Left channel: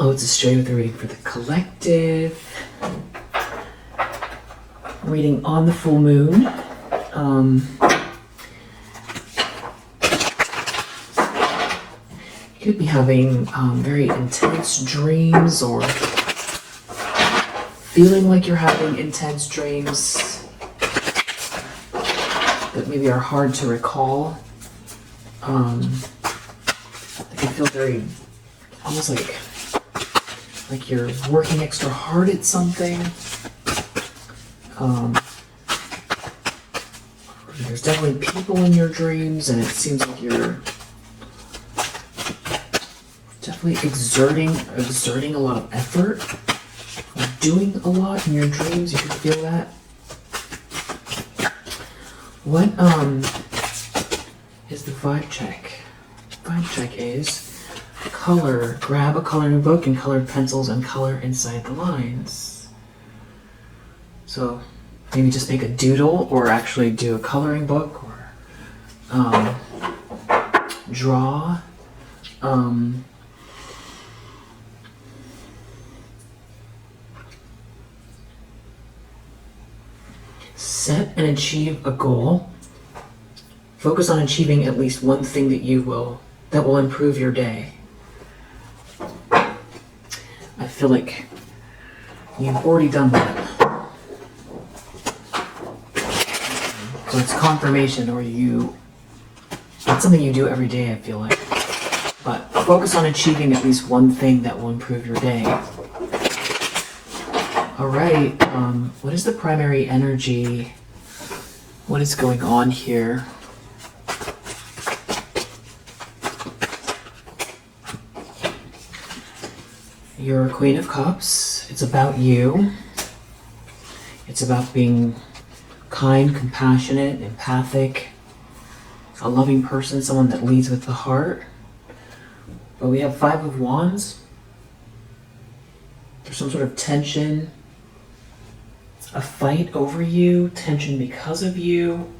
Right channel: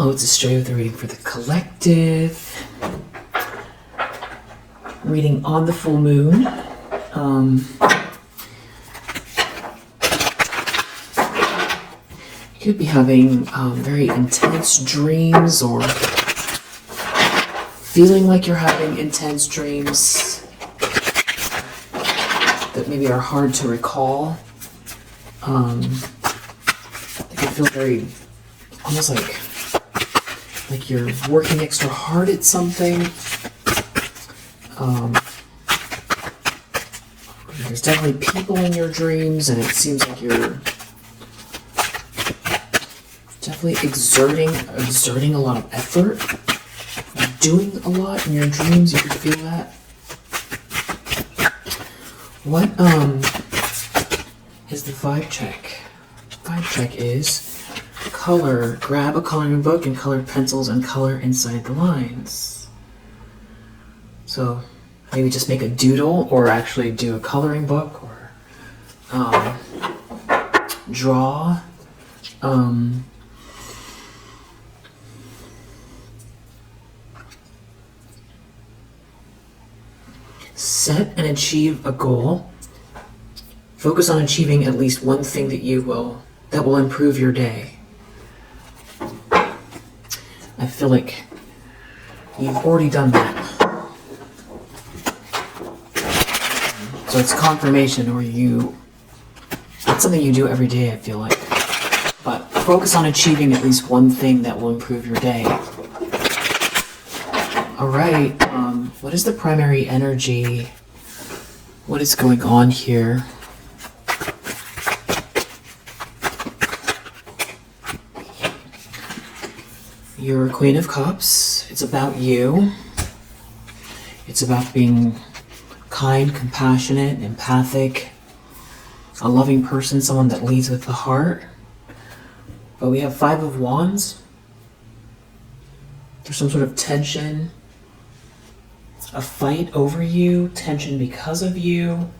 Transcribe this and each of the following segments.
Hello, it's Astray with a reading for the collective. Reading on the full moon. You could be having very intense dreams, or feeling like you're having intense dreams that maybe are hard to recall. They can feel very, almost like you're working extra hard at something. There's definitely people in your dreams, and it seems like you're definitely exerting a lot of effort, doing a lot in your dreams. You can feel that. What is the vibe check? Vibe check is color. Grab a coloring book and colored pencils and color inside the lines. So maybe just make a doodle, or actually do a coloring book, or draw. Set and achieve a goal. Focus on achieving at least one thing that will improve your day. I feel like you've already done that. So it's confirmation, or it's something you do every day, I feel like. But focus on achieving at least one thing that will improve your day. Alright, what is the primary energy? What is going on here? You're a Queen of Cups. It's about you. It's about being kind, compassionate, empathic, a loving person, someone that leads with the heart. But we have Five of Wands. There's some sort of tension, a fight over you, tension because of you.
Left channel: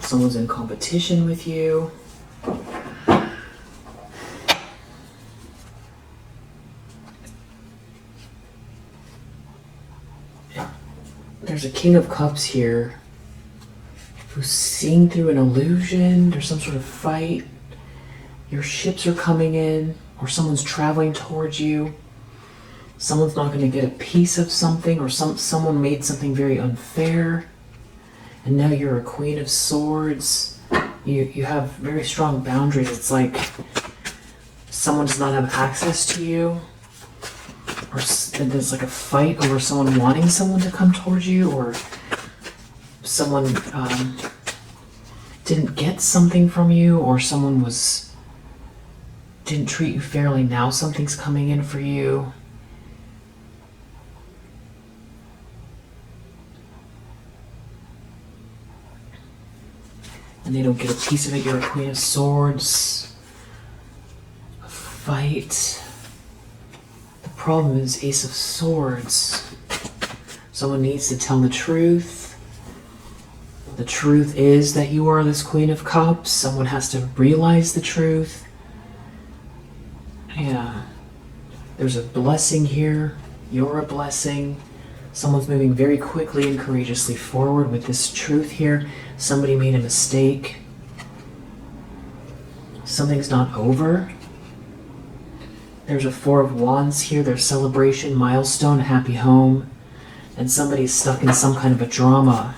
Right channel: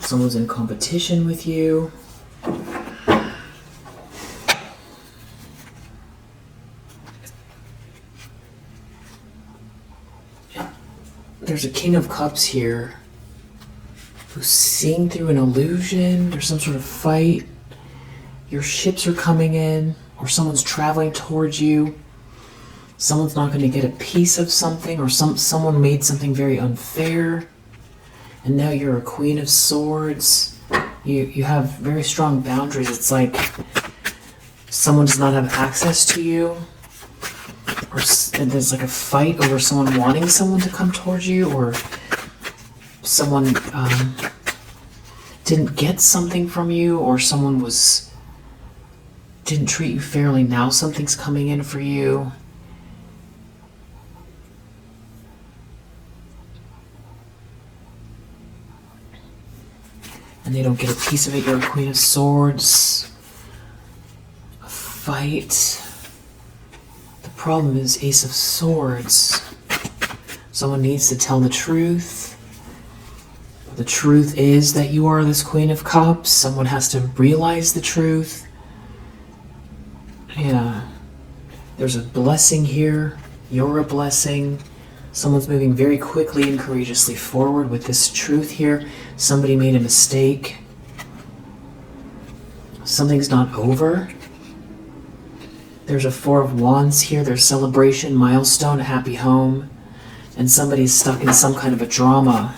Someone's in competition with you. There's a King of Cups here who's seeing through an illusion. There's some sort of fight. Your ships are coming in, or someone's traveling towards you. Someone's not going to get a piece of something, or someone made something very unfair. And now you're a Queen of Swords. You have very strong boundaries. It's like someone does not have access to you. Or there's like a fight over someone wanting someone to come towards you, or someone didn't get something from you, or someone didn't treat you fairly. Now something's coming in for you. And they don't get a piece of it. You're a Queen of Swords. A fight. The problem is Ace of Swords. Someone needs to tell the truth. The truth is that you are this Queen of Cups. Someone has to realize the truth. Yeah. There's a blessing here. You're a blessing. Someone's moving very quickly and courageously forward with this truth here. Somebody made a mistake. Something's not over. There's a Four of Wands here. There's celebration, milestone, happy home. And somebody's stuck in some kind of a drama.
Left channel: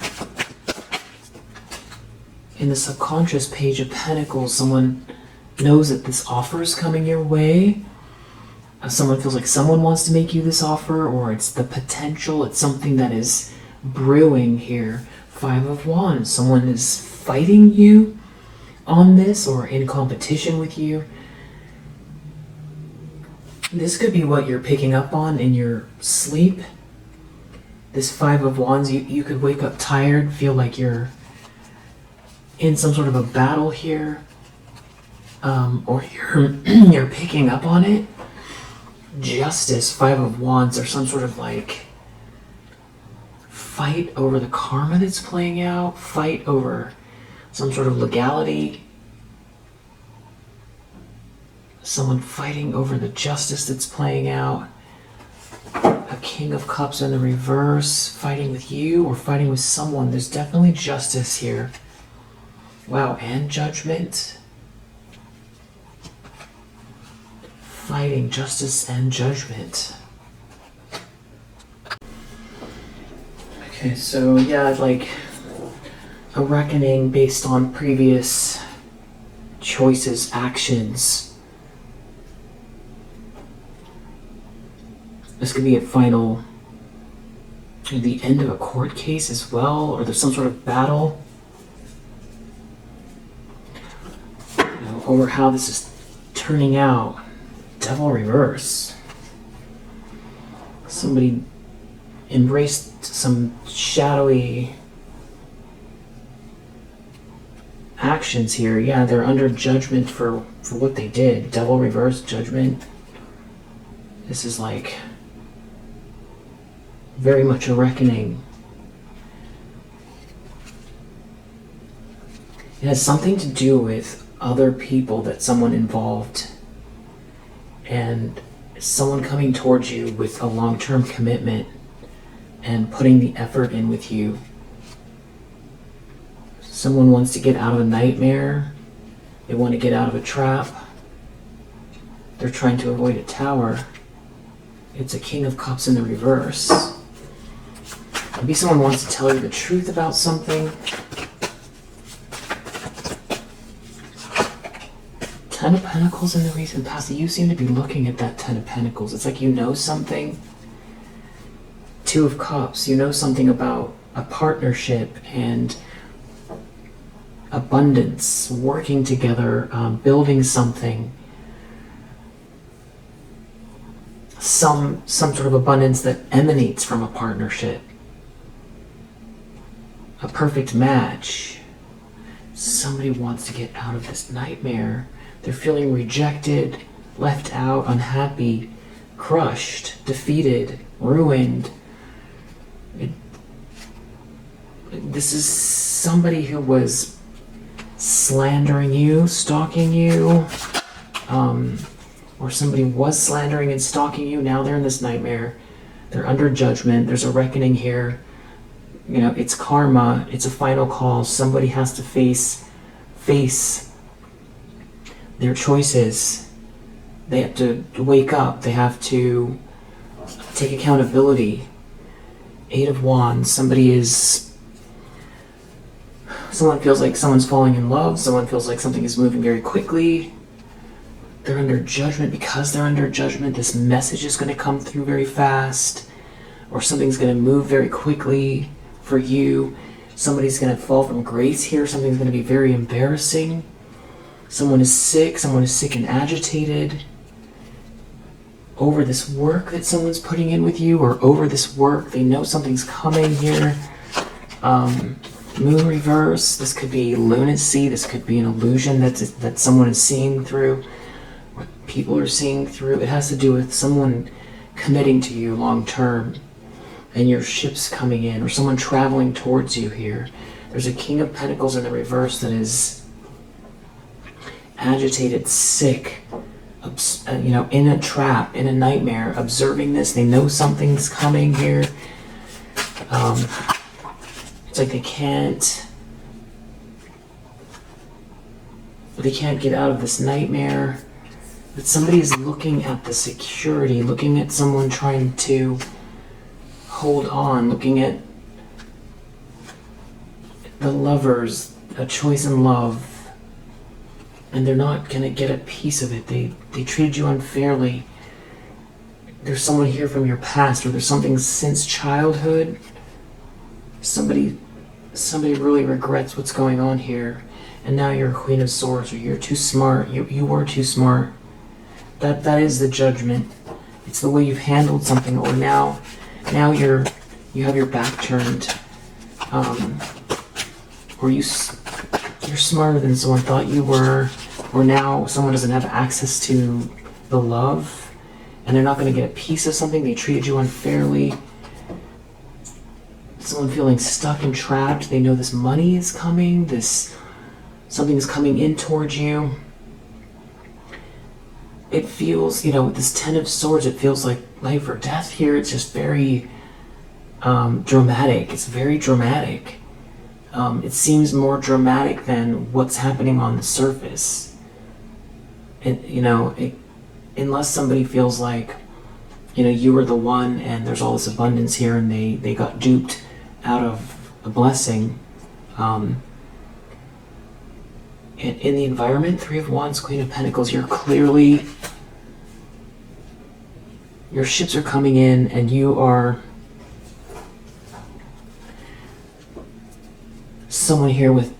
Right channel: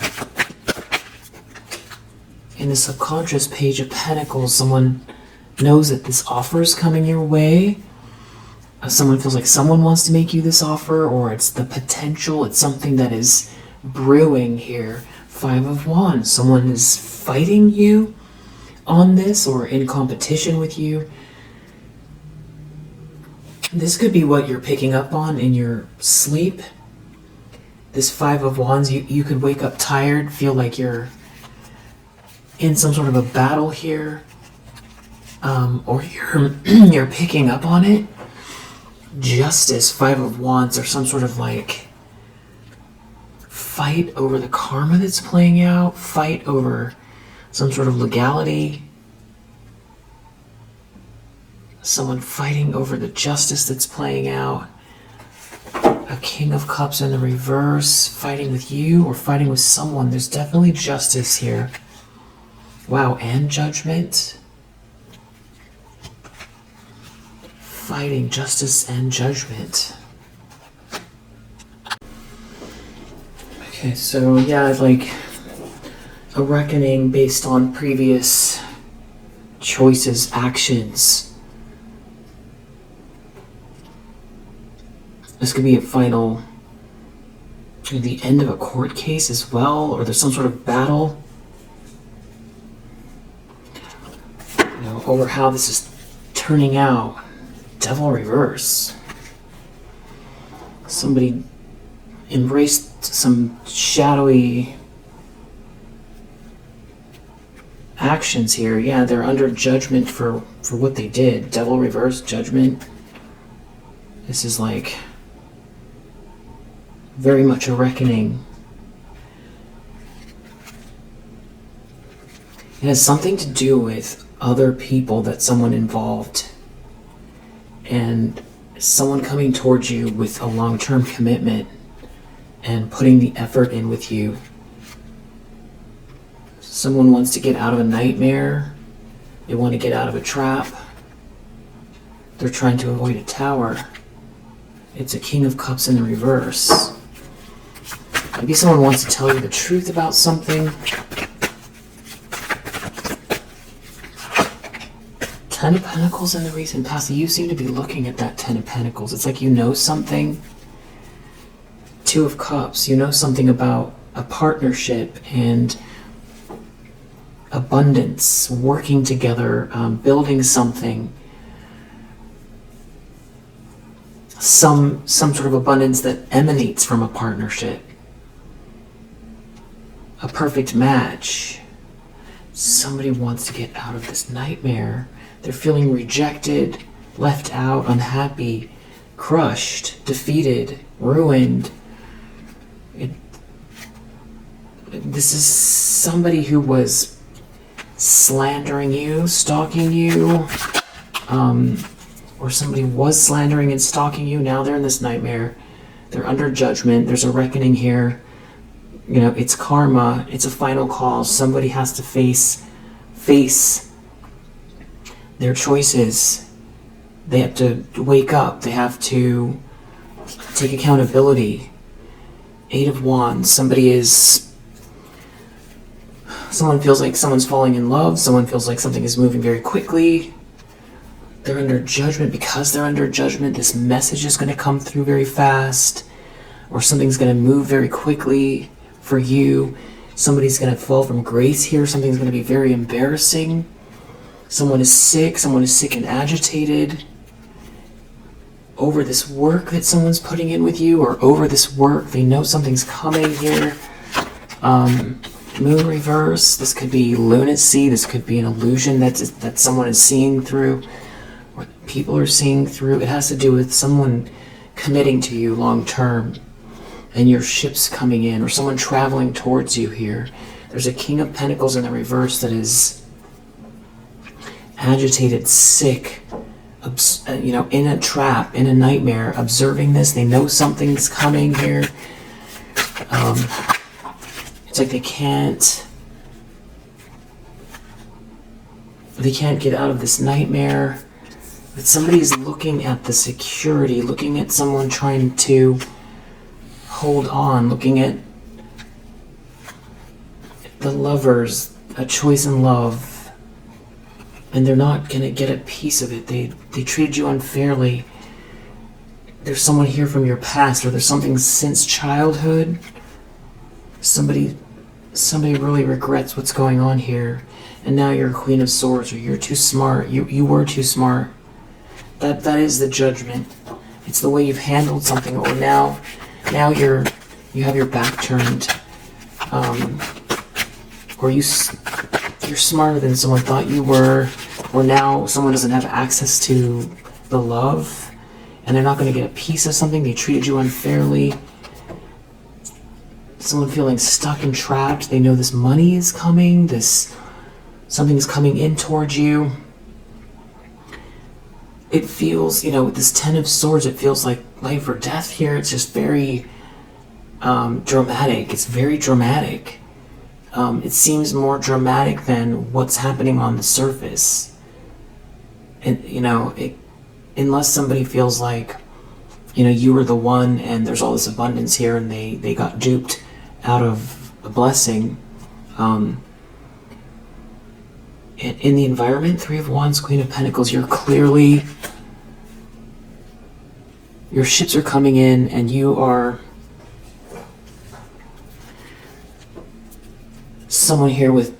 In the subconscious Page of Pentacles, someone knows that this offer is coming your way. Someone feels like someone wants to make you this offer, or it's the potential. It's something that is brewing here. Five of Wands. Someone is fighting you on this, or in competition with you. This could be what you're picking up on in your sleep. This Five of Wands, you could wake up tired, feel like you're in some sort of a battle here, or you're picking up on it. Justice, Five of Wands, or some sort of like fight over the karma that's playing out, fight over some sort of legality. Someone fighting over the justice that's playing out. A King of Cups in the reverse, fighting with you or fighting with someone. There's definitely justice here. Wow, and judgment. Fighting justice and judgment. Okay, so yeah, like a reckoning based on previous choices, actions. This could be a final, the end of a court case as well, or there's some sort of battle, over how this is turning out. Devil reverse. Somebody embraced some shadowy actions here. Yeah, they're under judgment for what they did. Devil reverse, judgment. This is like very much a reckoning. It has something to do with other people that someone involved and someone coming towards you with a long-term commitment and putting the effort in with you. Someone wants to get out of a nightmare. They want to get out of a trap. They're trying to avoid a tower. It's a King of Cups in the reverse. Maybe someone wants to tell you the truth about something. Ten of Pentacles in the recent past. You seem to be looking at that Ten of Pentacles. It's like you know something. Two of Cups. You know something about a partnership and abundance, working together, building something. Some sort of abundance that emanates from a partnership. A perfect match. Somebody wants to get out of this nightmare. They're feeling rejected, left out, unhappy, crushed, defeated, ruined. This is somebody who was slandering you, stalking you, or somebody was slandering and stalking you. Now they're in this nightmare. They're under judgment. There's a reckoning here. It's karma. It's a final call. Somebody has to face their choices. They have to wake up. They have to take accountability. Eight of Wands. Someone feels like someone's falling in love. Someone feels like something is moving very quickly. They're under judgment. Because they're under judgment, this message is going to come through very fast, or something's going to move very quickly for you. Somebody's going to fall from grace here. Something's going to be very embarrassing. Someone is sick and agitated over this work that someone's putting in with you, or over this work. They know something's coming here. Moon reverse. This could be lunacy. This could be an illusion that someone is seeing through, or people are seeing through. It has to do with someone committing to you long term, and your ship's coming in, or someone traveling towards you here. There's a King of Pentacles in the reverse that is agitated, sick, in a trap, in a nightmare, observing this. They know something's coming here. It's like they can't get out of this nightmare. But somebody's looking at the security, looking at someone trying to hold on, looking at the lovers, a choice in love. And they're not going to get a piece of it. They treated you unfairly. There's someone here from your past, or there's something since childhood. Somebody really regrets what's going on here. And now you're a Queen of Swords, or you're too smart. You were too smart. That is the judgment. It's the way you've handled something, or now you have your back turned. Or you're smarter than someone thought you were, or now someone doesn't have access to the love, and they're not going to get a piece of something. They treated you unfairly. Someone feeling stuck and trapped. They know this money is coming. Something is coming in towards you. it feels, with this Ten of Swords, it feels like life or death here. It's just very dramatic. It's very dramatic. It seems more dramatic than what's happening on the surface. And, unless somebody feels like, you were the one and there's all this abundance here and they got duped out of the blessing. In the environment, Three of Wands, Queen of Pentacles, your ships are coming in and you are someone here with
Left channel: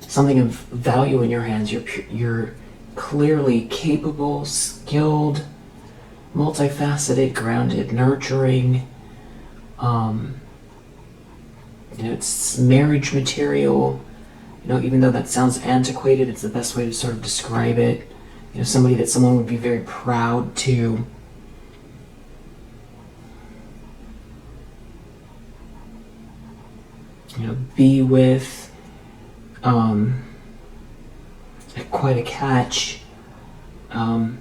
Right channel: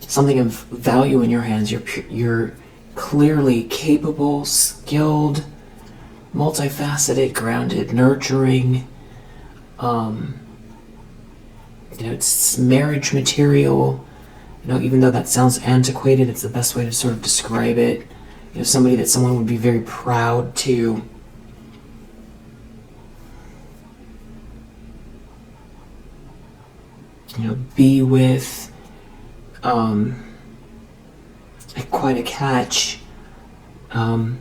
something of value in your hands. You're clearly capable, skilled, multifaceted, grounded, nurturing. It's marriage material. Even though that sounds antiquated, it's the best way to sort of describe it. Somebody that someone would be very proud to be with. Quite a catch. And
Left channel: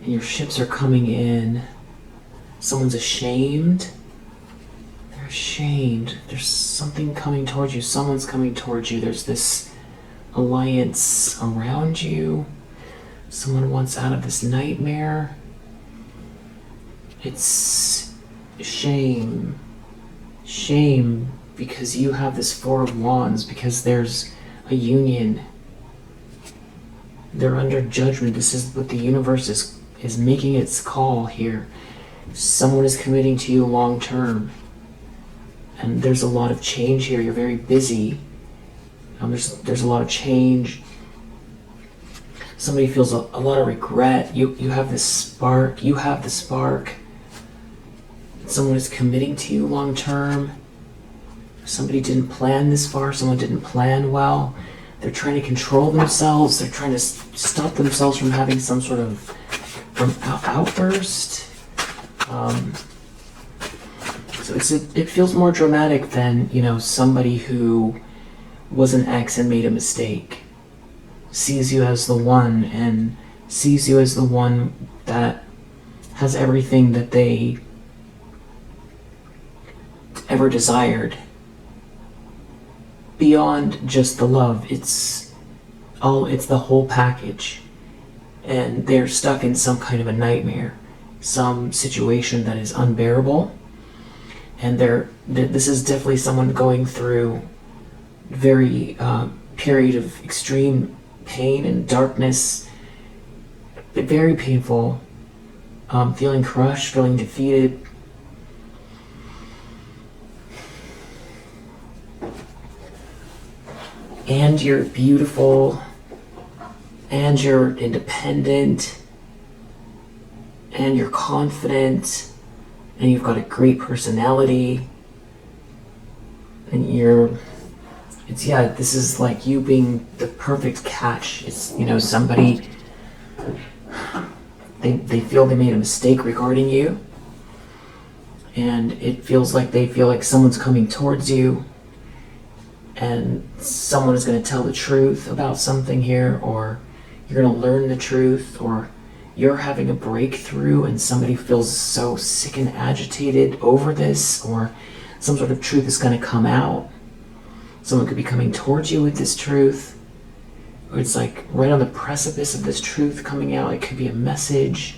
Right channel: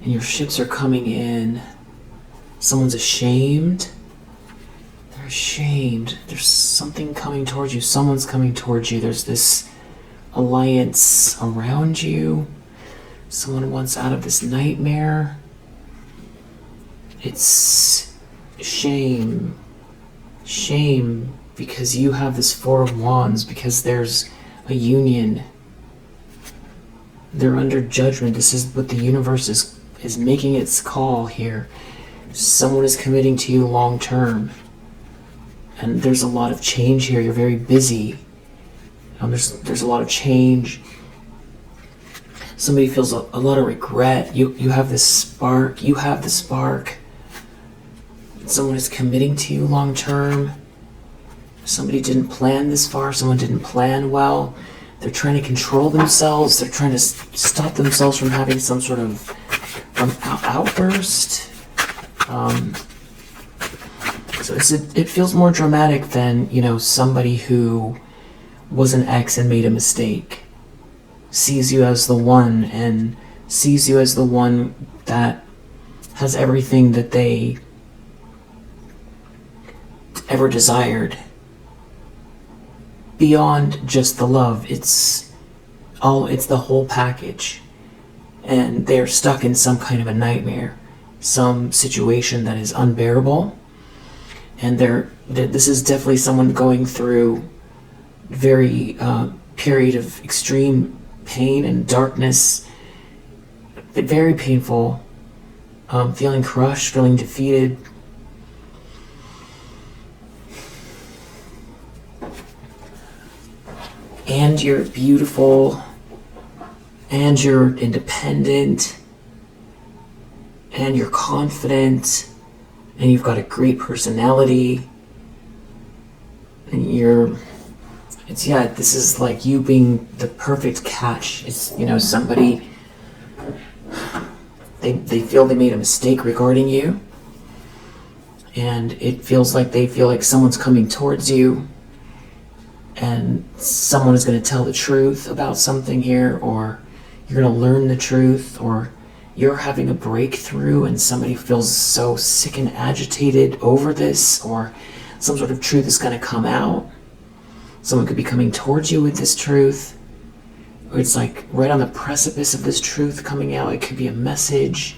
your ships are coming in. Someone's ashamed. They're ashamed. There's something coming towards you. Someone's coming towards you. There's this alliance around you. Someone wants out of this nightmare. It's shame. Shame because you have this Four of Wands, because there's a union. They're under judgment. This is what the universe is making its call here. Someone is committing to you long term. And there's a lot of change here. You're very busy. There's a lot of change. Somebody feels a lot of regret. You have this spark. You have the spark. Someone is committing to you long term. Somebody didn't plan this far. Someone didn't plan well. They're trying to control themselves. They're trying to stop themselves from having some sort of outburst. So it feels more dramatic than, somebody who was an ex and made a mistake. Sees you as the one and sees you as the one that has everything that they ever desired. Beyond just the love, it's the whole package. And they're stuck in some kind of a nightmare, some situation that is unbearable. And this is definitely someone going through very period of extreme pain and darkness, but very painful, feeling crushed, feeling defeated. And you're beautiful, and you're independent, and you're confident, and you've got a great personality, and this is like you being the perfect catch. It's, somebody, they feel they made a mistake regarding you, and it feels like they feel like someone's coming towards you, and someone is going to tell the truth about something here, or you're going to learn the truth, or you're having a breakthrough and somebody feels so sick and agitated over this, or some sort of truth is going to come out. Someone could be coming towards you with this truth, or it's like right on the precipice of this truth coming out. It could be a message.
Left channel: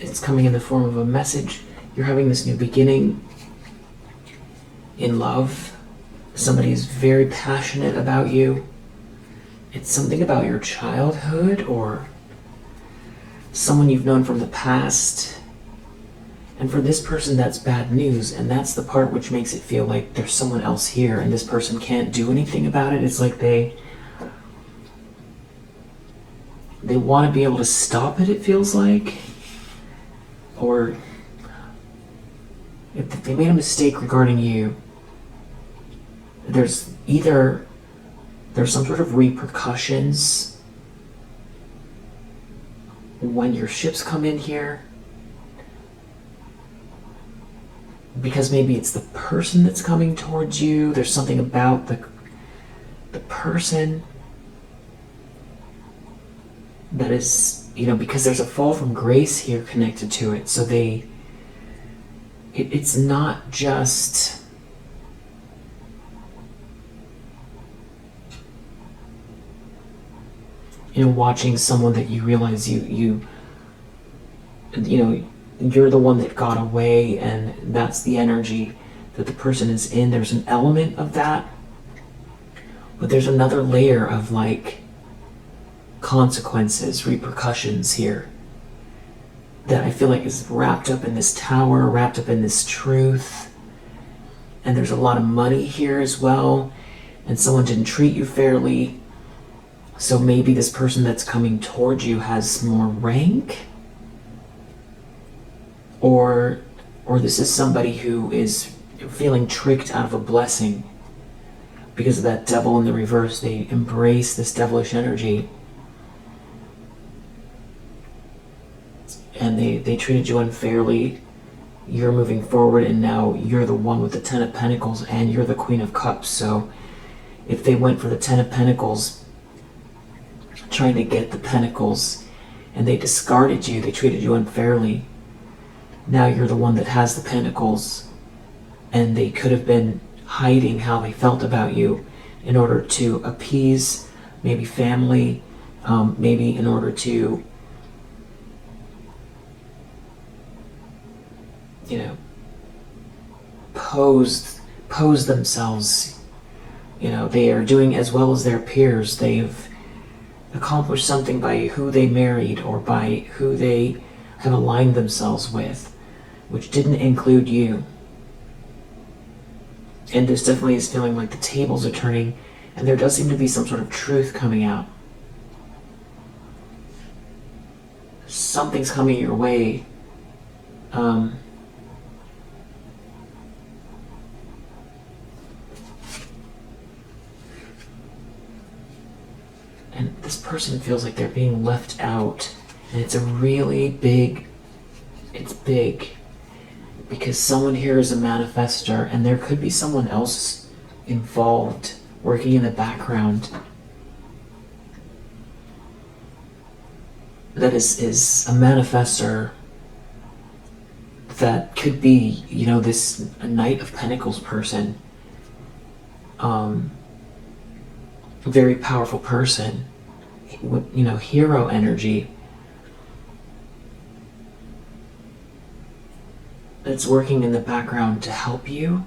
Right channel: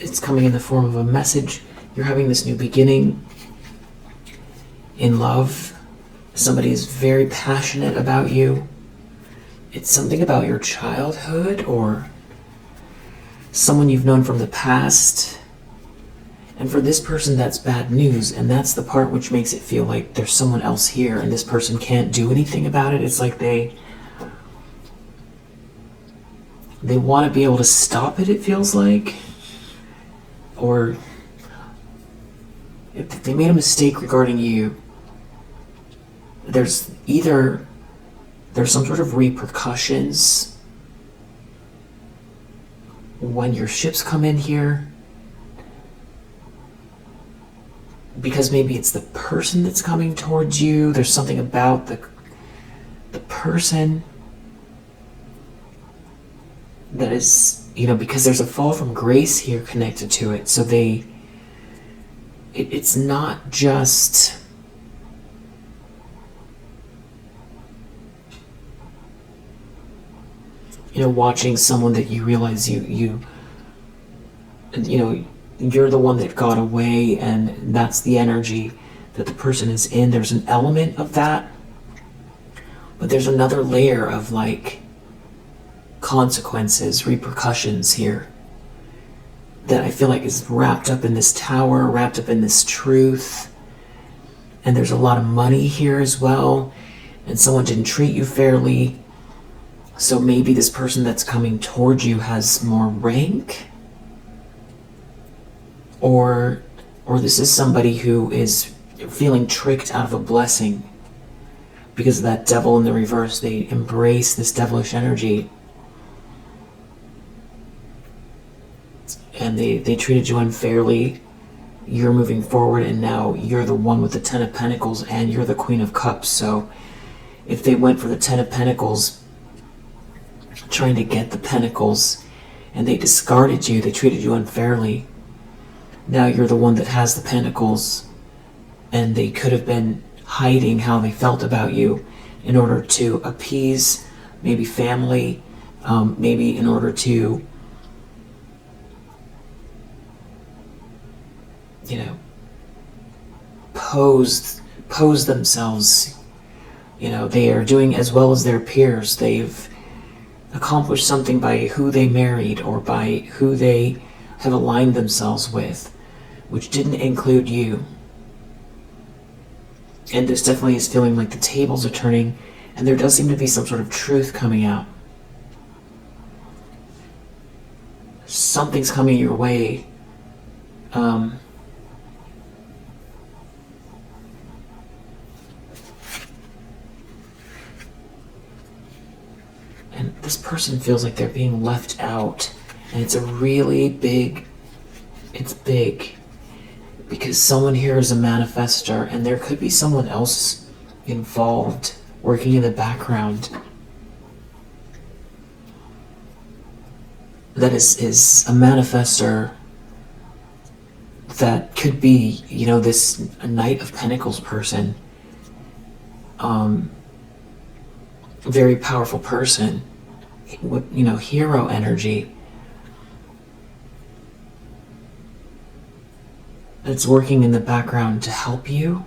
It's coming in the form of a message. You're having this new beginning in love. Somebody is very passionate about you. It's something about your childhood or someone you've known from the past. And for this person, that's bad news. And that's the part which makes it feel like there's someone else here and this person can't do anything about it. It's like they want to be able to stop it, it feels like. Or if they made a mistake regarding you, there's some sort of repercussions when your ships come in here, because maybe it's the person that's coming towards you. There's something about the person. that is, because there's a fall from grace here connected to it. So it's not just watching someone that you realize you're the one that got away, and that's the energy that the person is in. There's an element of that, but there's another layer of like consequences, repercussions here that I feel like is wrapped up in this tower, wrapped up in this truth. And there's a lot of money here as well, and someone didn't treat you fairly. So maybe this person that's coming towards you has more rank, or this is somebody who is feeling tricked out of a blessing because of that devil in the reverse. They embrace this devilish energy, and they treated you unfairly. You're moving forward, and now you're the one with the Ten of Pentacles, and you're the Queen of Cups. So if they went for the Ten of Pentacles, trying to get the Pentacles, and they discarded you, they treated you unfairly, now you're the one that has the Pentacles, and they could have been hiding how they felt about you in order to appease maybe family, maybe in order to pose themselves. They are doing as well as their peers. They've accomplished something by who they married or by who they have aligned themselves with, which didn't include you. And this definitely is feeling like the tables are turning, and there does seem to be some sort of truth coming out. Something's coming your way. And this person feels like they're being left out. And it's a really big, it's big. Because someone here is a manifestor, and there could be someone else involved, working in the background, that is a manifestor that could be, this Knight of Pentacles person. Very powerful person, hero energy, that's working in the background to help you.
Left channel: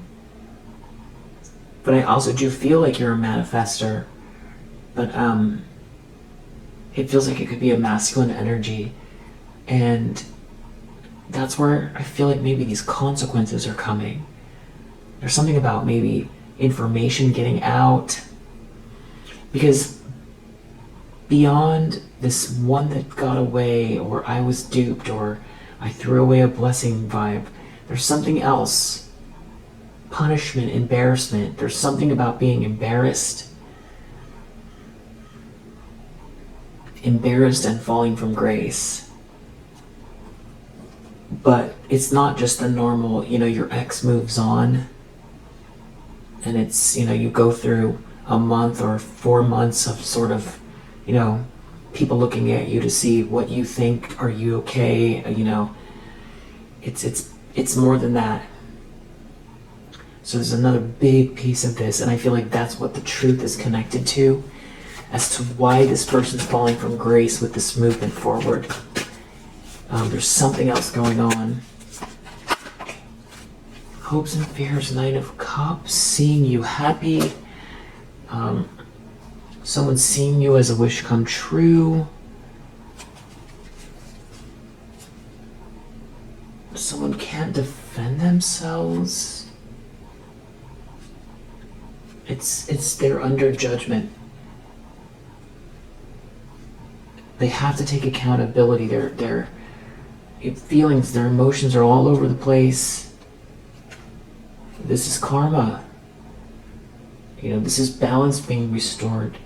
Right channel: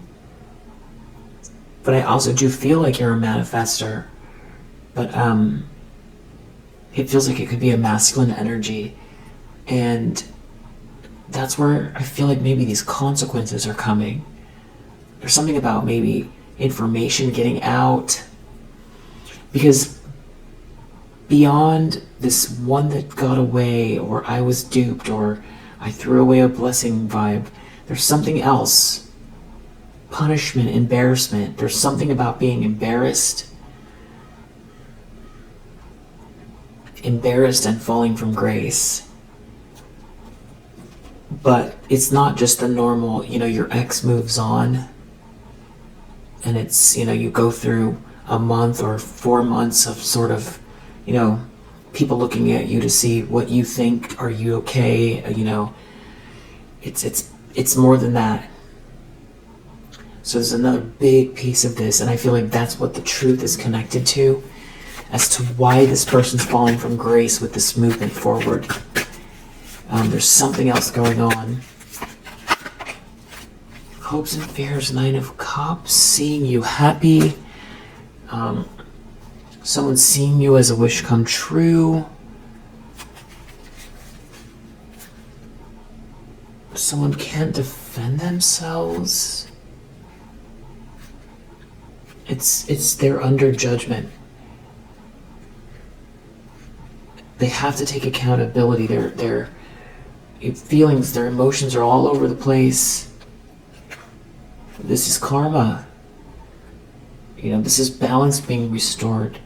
But I also do feel like you're a manifestor, but it feels like it could be a masculine energy, and that's where I feel like maybe these consequences are coming. There's something about maybe information getting out, because beyond this one that got away, or I was duped, or I threw away a blessing vibe, there's something else. Punishment, embarrassment. There's something about being embarrassed and falling from grace. But it's not just the normal, your ex moves on, and it's, you go through a month or 4 months of sort of, people looking at you to see what you think. Are you okay? It's more than that. So there's another big piece of this, and I feel like that's what the truth is connected to, as to why this person's falling from grace with this movement forward. There's something else going on. Hopes and fears, Nine of Cups, seeing you happy. Someone seeing you as a wish come true. Someone can't defend themselves. They're under judgment. They have to take accountability. Their feelings, their emotions are all over the place. This is karma. This is balance being restored.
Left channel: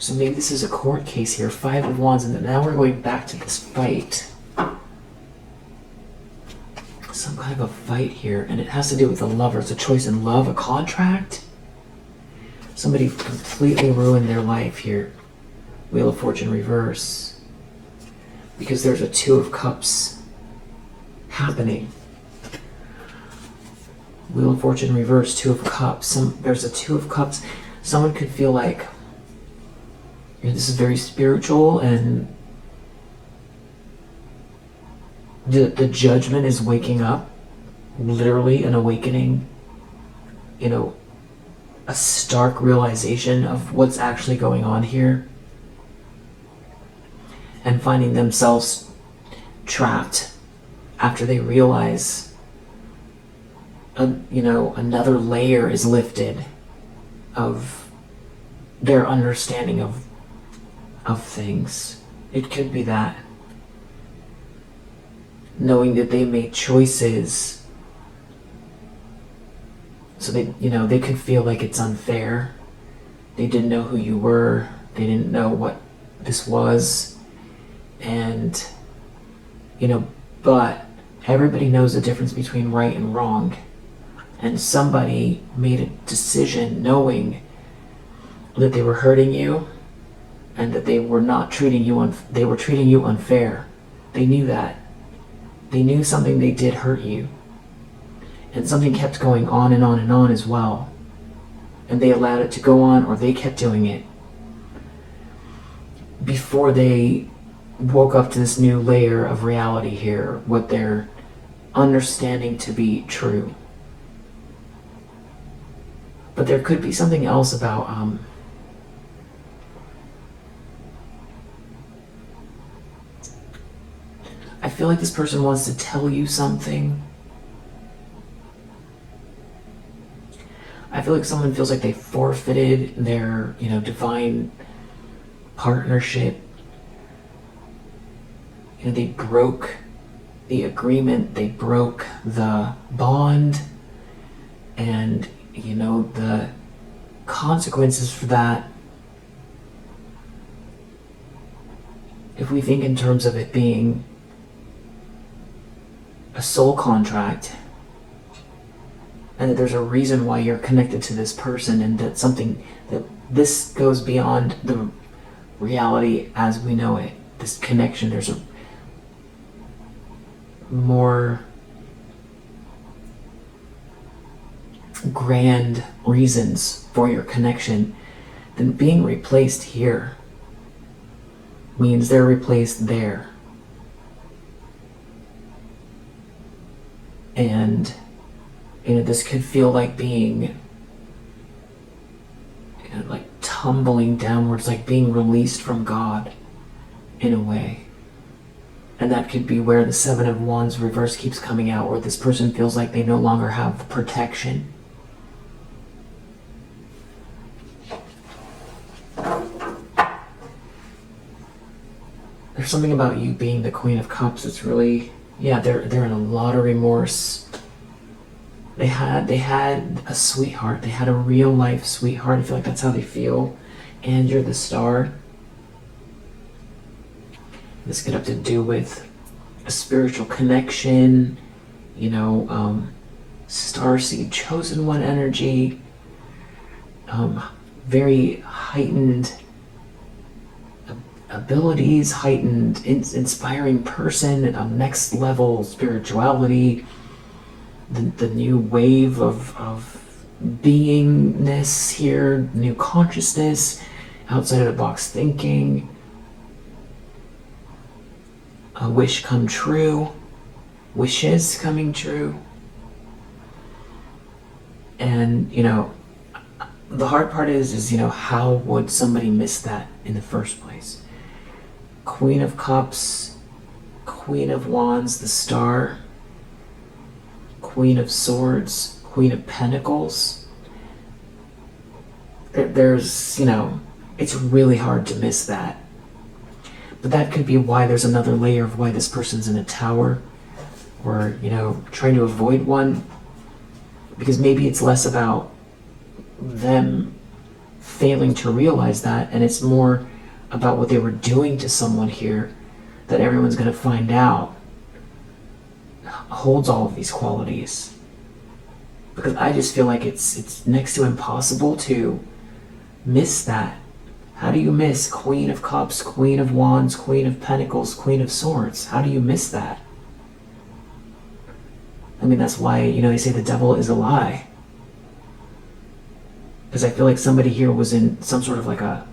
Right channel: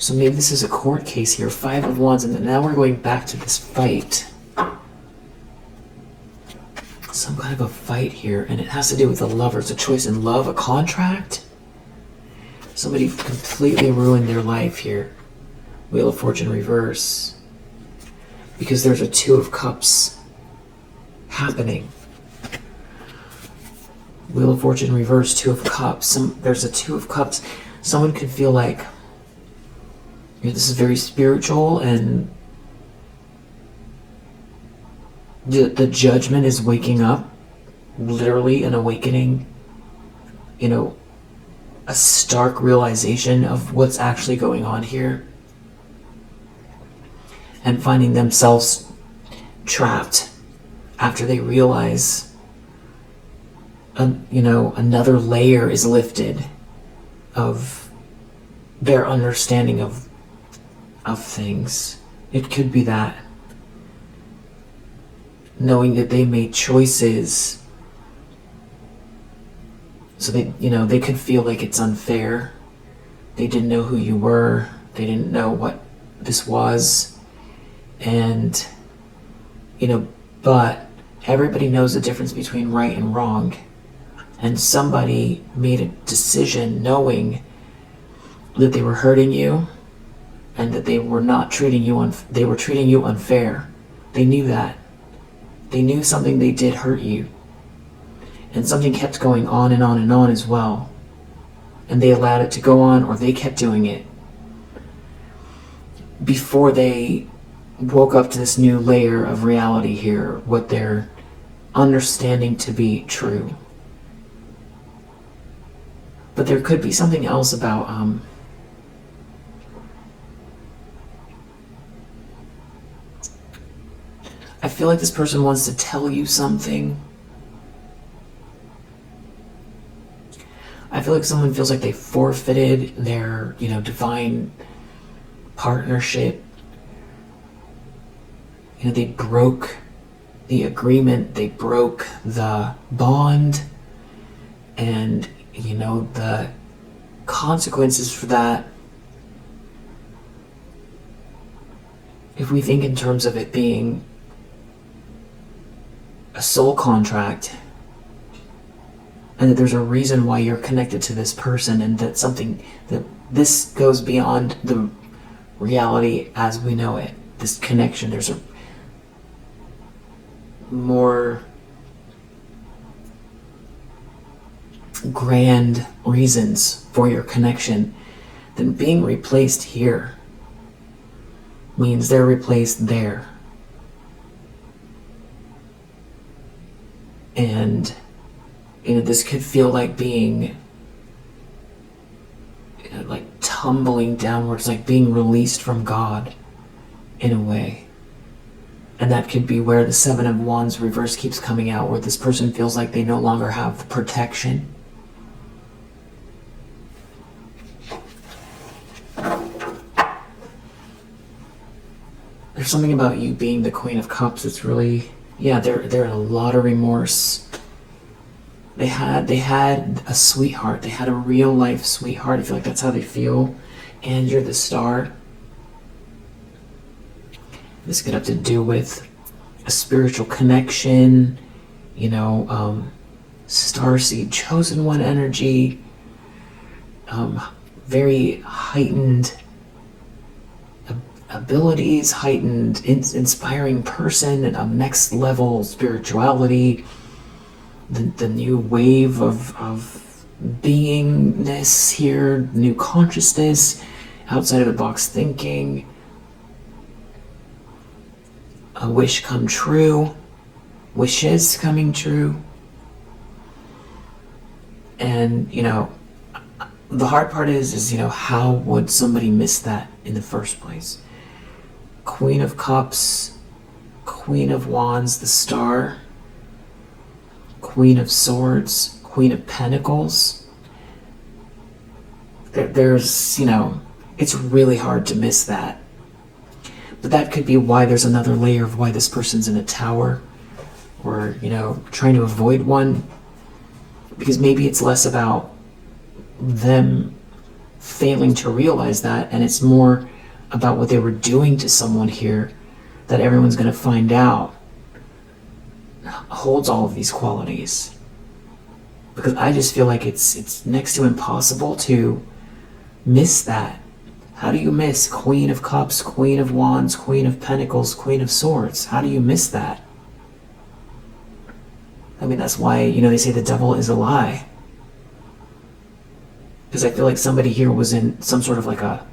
So maybe this is a court case here. 5 of Wands, and then now we're going back to this fight. Some kind of a fight here, and it has to do with the Lovers, a choice in love, a contract. Somebody completely ruined their life here. Wheel of Fortune reverse. Because there's a Two of Cups happening. Wheel of Fortune reverse, Two of Cups. There's a Two of Cups. Someone could feel like, this is very spiritual, and the judgment is waking up, literally an awakening, a stark realization of what's actually going on here, and finding themselves trapped after they realize, another layer is lifted of their understanding of things. It could be that. Knowing that they made choices, so they could feel like it's unfair. They didn't know who you were. They didn't know what this was. And, but everybody knows the difference between right and wrong. And somebody made a decision knowing that they were hurting you and that they were not treating you they were treating you unfair. They knew that. They knew something they did hurt you. And something kept going on and on and on as well. And they allowed it to go on, or they kept doing it before they woke up to this new layer of reality here, what they're understanding to be true. But there could be something else about I feel like this person wants to tell you something. I feel like someone feels like they forfeited their, divine partnership. They broke the agreement, they broke the bond, and, the consequences for that, if we think in terms of it being a soul contract, and that there's a reason why you're connected to this person, and that this goes beyond the reality as we know it, this connection. There's a more grand reasons for your connection than being replaced here. Means they're replaced there. And this could feel like being like tumbling downwards, like being released from God in a way. And that could be where the Seven of Wands reverse keeps coming out, where this person feels like they no longer have protection. There's something about you being the Queen of Cups that's really, they're in a lot of remorse. They had a sweetheart. They had a real life sweetheart. I feel like that's how they feel. And you're the Star. This could have to do with a spiritual connection, Starseed Chosen One energy, very heightened abilities, heightened, inspiring person, and a next level spirituality, the new wave of beingness here, new consciousness, outside of the box thinking, a wish come true, wishes coming true. And, the hard part is, how would somebody miss that in the first place? Queen of Cups, Queen of Wands, the Star, Queen of Swords, Queen of Pentacles. There's, it's really hard to miss that. But that could be why there's another layer of why this person's in a tower, or, trying to avoid one. Because maybe it's less about them failing to realize that, and it's more about what they were doing to someone here that everyone's going to find out holds all of these qualities. Because I just feel like it's next to impossible to miss that. How do you miss Queen of Cups, Queen of Wands, Queen of Pentacles, Queen of Swords? How do you miss that? I mean, that's why, you know, they say the devil is a lie. Because I feel like somebody here was in some sort of like a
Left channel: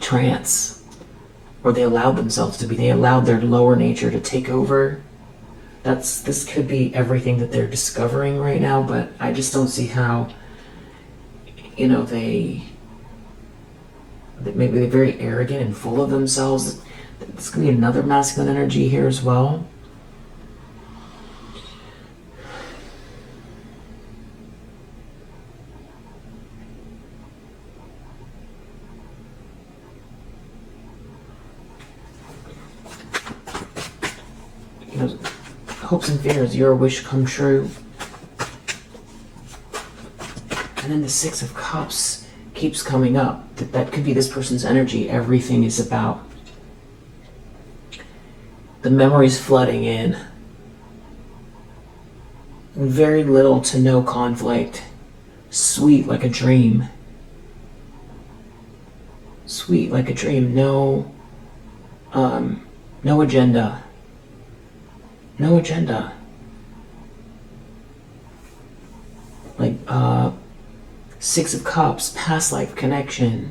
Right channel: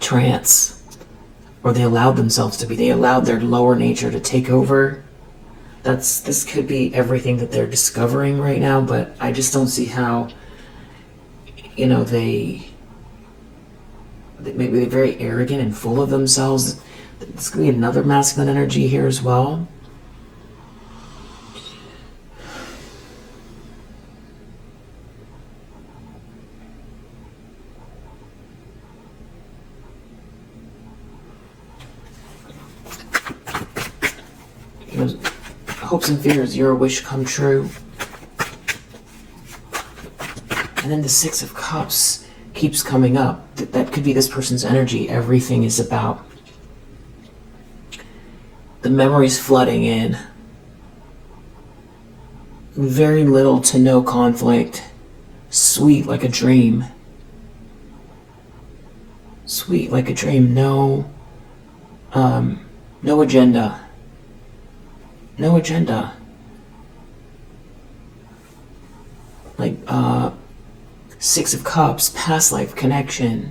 trance. Or they allowed themselves to be. They allowed their lower nature to take over. This could be everything that they're discovering right now, but I just don't see how, you know, maybe they're very arrogant and full of themselves. This could be another masculine energy here as well. You know, hopes and fears, your wish come true. And then the Six of Cups keeps coming up. That could be this person's energy. Everything is about the memories flooding in. Very little to no conflict. Sweet like a dream. Sweet like a dream. No agenda. No agenda. Like, Six of Cups, past life connection.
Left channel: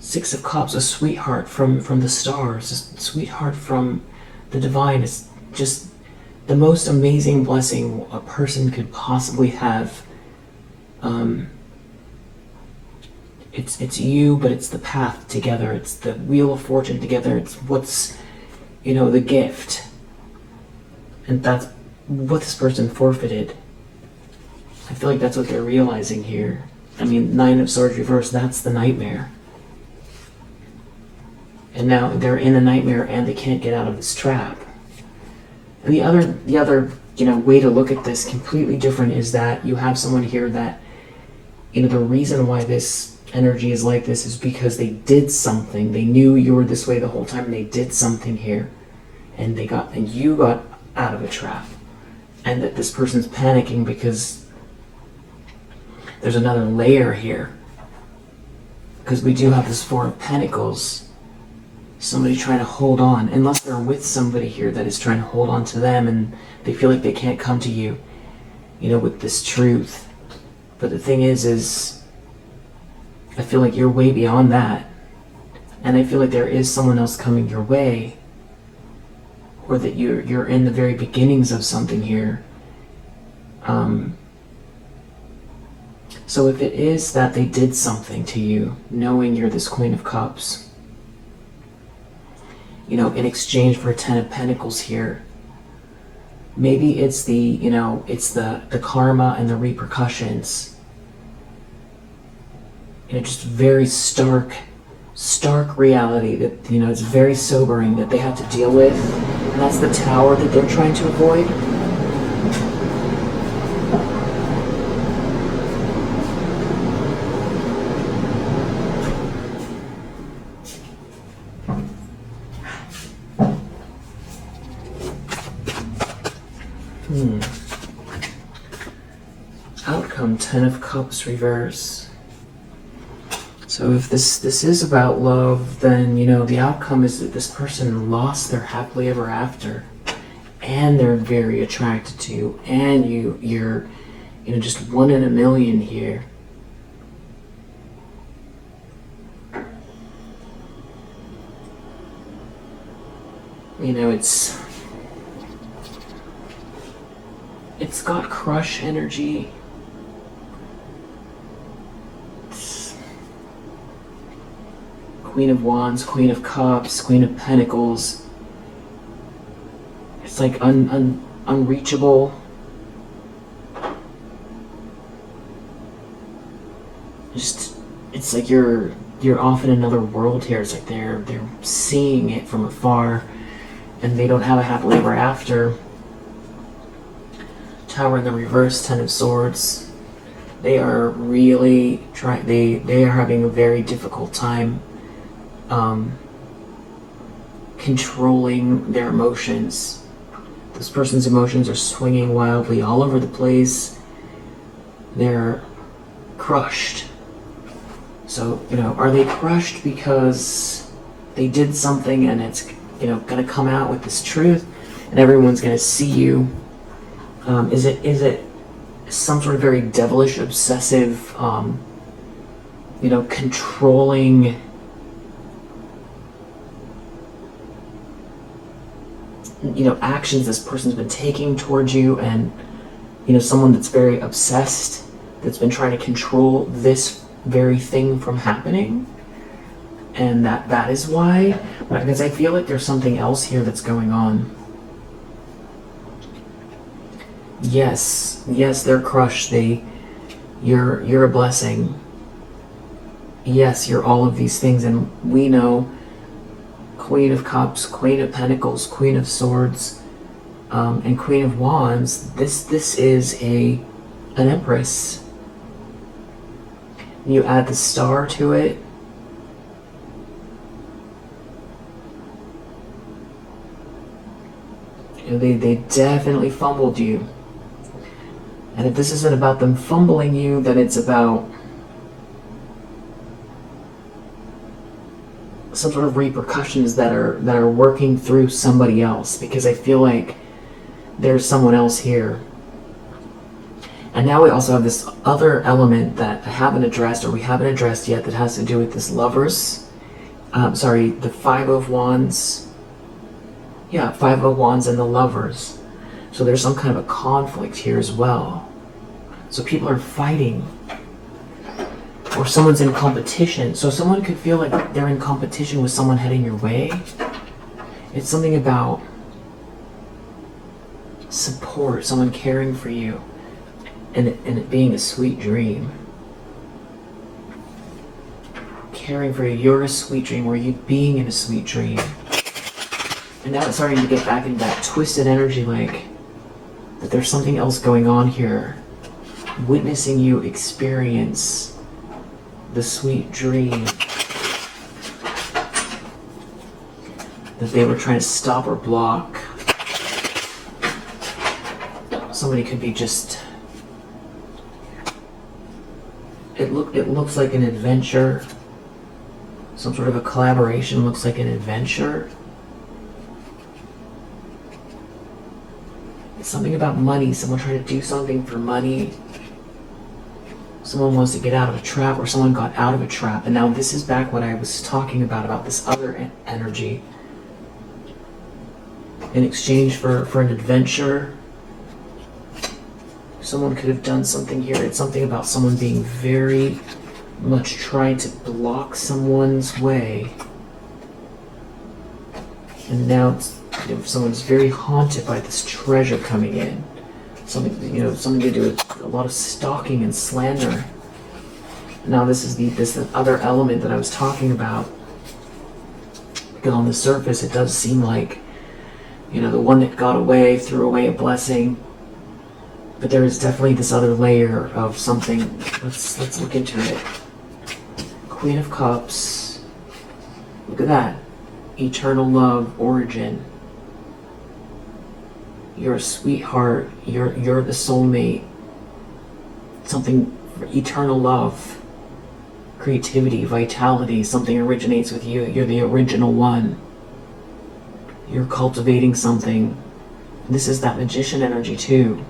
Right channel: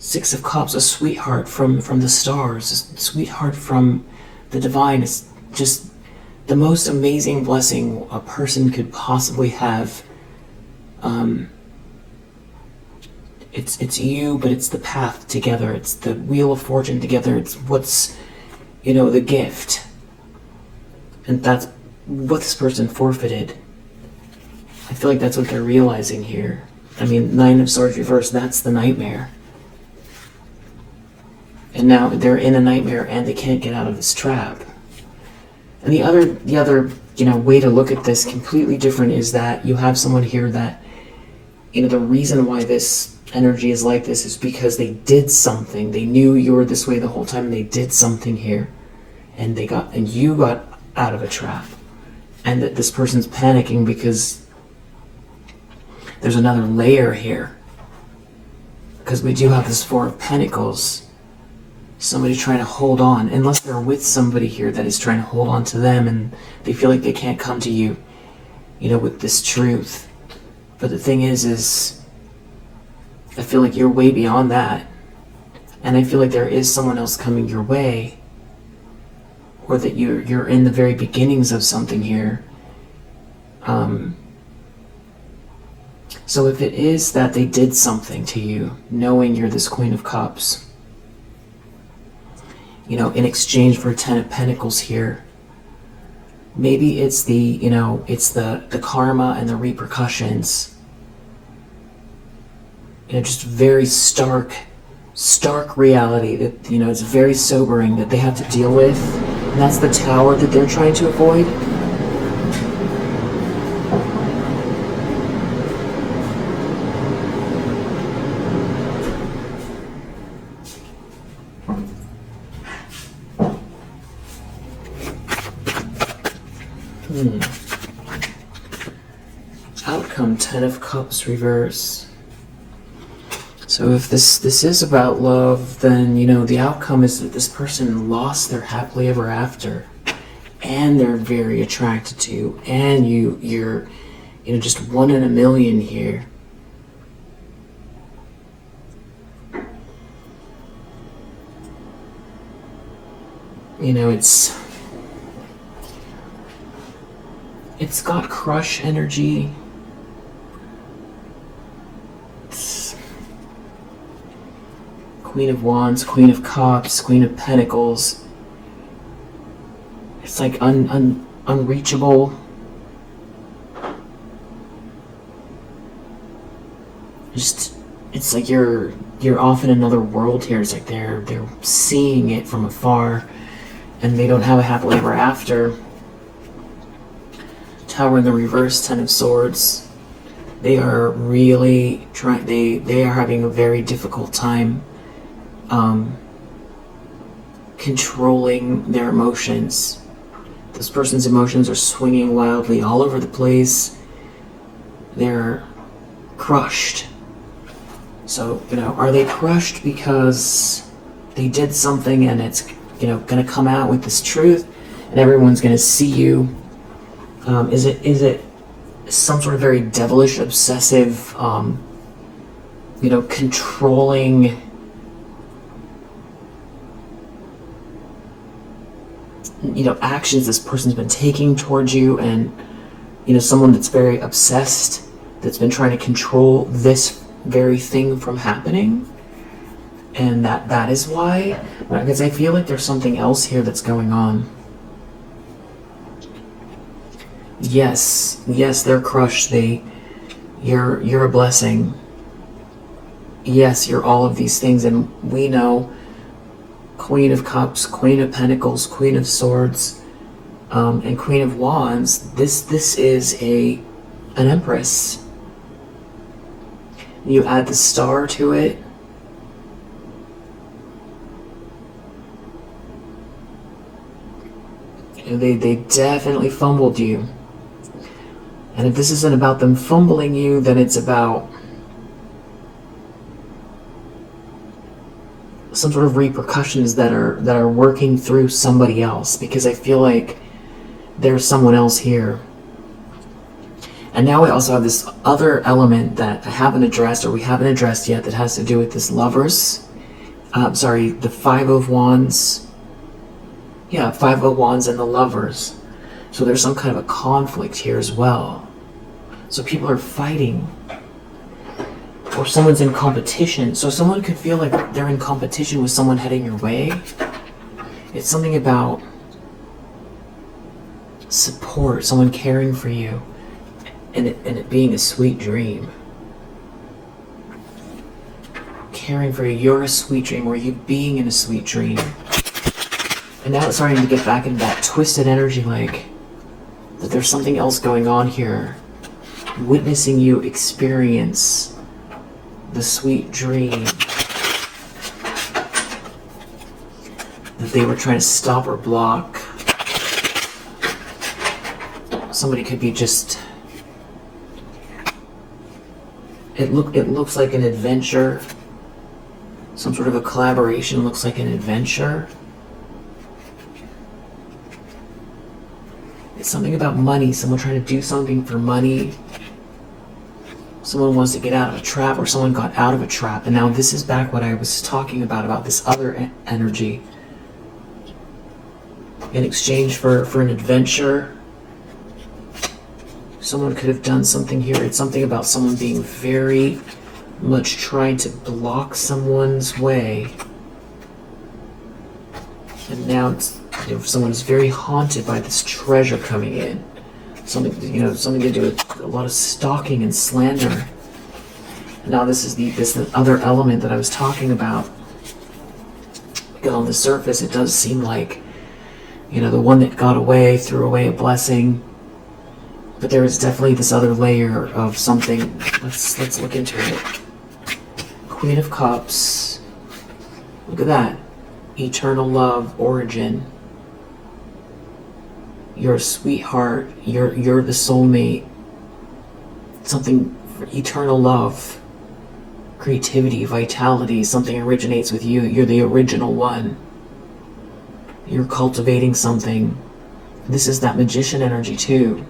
Six of Cups, a sweetheart from the stars, a sweetheart from the divine. Is just the most amazing blessing a person could possibly have. It's you, but it's the path together. It's the wheel of fortune together. It's what's, you know, the gift. And that's what this person forfeited. I feel like that's what they're realizing here. I mean, Nine of Swords reversed, that's the nightmare. And now they're in a nightmare and they can't get out of this trap. And the other, you know, way to look at this completely different is that you have someone here that, you know, the reason why this energy is like this is because they did something. They knew you were this way the whole time and they did something here. And you got out of a trap. And that this person's panicking because there's another layer here. Because we do have this Four of Pentacles. Somebody trying to hold on, unless they're with somebody here that is trying to hold on to them and they feel like they can't come to you, you know, with this truth. But the thing is I feel like you're way beyond that. And I feel like there is someone else coming your way. Or that you're in the very beginnings of something here. So if it is that they did something to you, knowing you're this Queen of Cups, you know, in exchange for a Ten of Pentacles here, maybe it's the, you know, it's the karma and the repercussions. You know, just very stark reality that, you know, it's very sobering that they have to deal with. And that's the Tower that they're trying to avoid. Outcome, Ten of Cups reverse. So if this is about love, then, you know, the outcome is that this person lost their happily ever after, and they're very attracted to you, and you're, you know, just one in a million here. You know, it's got crush energy. Queen of Wands, Queen of Cups, Queen of Pentacles. It's like unreachable. Just, it's like you're off in another world here. It's like they're seeing it from afar, and they don't have a happily ever after. Tower in the reverse, Ten of Swords. They are really trying. They are having a very difficult time controlling their emotions. This person's emotions are swinging wildly all over the place. They're crushed. So, are they crushed because they did something and it's, going to come out with this truth and everyone's going to see you? Is it some sort of very devilish, obsessive, controlling, actions this person's been taking towards you, and, someone that's very obsessed, that's been trying to control this very thing from happening? And that is why, because I feel like there's something else here that's going on. Yes, they're crushed. You're a blessing. Yes, you're all of these things, and we know Queen of Cups, Queen of Pentacles, Queen of Swords, and Queen of Wands. This is an Empress. You add the Star to it. And they definitely fumbled you. And if this isn't about them fumbling you, then it's about some sort of repercussions that are working through somebody else, because I feel like there's someone else here. And now we also have this other element that I haven't addressed, or we haven't addressed yet, that has to do with this Lovers. The Five of Wands. Yeah, Five of Wands and the Lovers. So there's some kind of a conflict here as well. So people are fighting. Or someone's in competition. So someone could feel like they're in competition with someone heading your way. It's something about support, someone caring for you, and it being a sweet dream. Caring for you, you're a sweet dream, or you being in a sweet dream. And now it's starting to get back into that twisted energy, like that there's something else going on here. Witnessing you experience the sweet dream that they were trying to stop or block. Somebody could be just... It looks like an adventure. Some sort of a collaboration looks like an adventure. It's something about money. Someone trying to do something for money. Someone wants to get out of a trap, or someone got out of a trap. And now this is back what I was talking about this other energy. In exchange for an adventure, someone could have done something here. It's something about someone being very much trying to block someone's way. And now it's, someone's very haunted by this treasure coming in. Something to do with a lot of stalking and slander. Now this is the other element that I was talking about. Because on the surface, it does seem like, the one that got away threw away a blessing. But there is definitely this other layer of something. Let's look into it. Queen of Cups. Look at that. Eternal love, origin. You're a sweetheart. You're the soulmate. Something for eternal love. Creativity, vitality. Something originates with you. You're the original one. You're cultivating something. This is that magician energy too.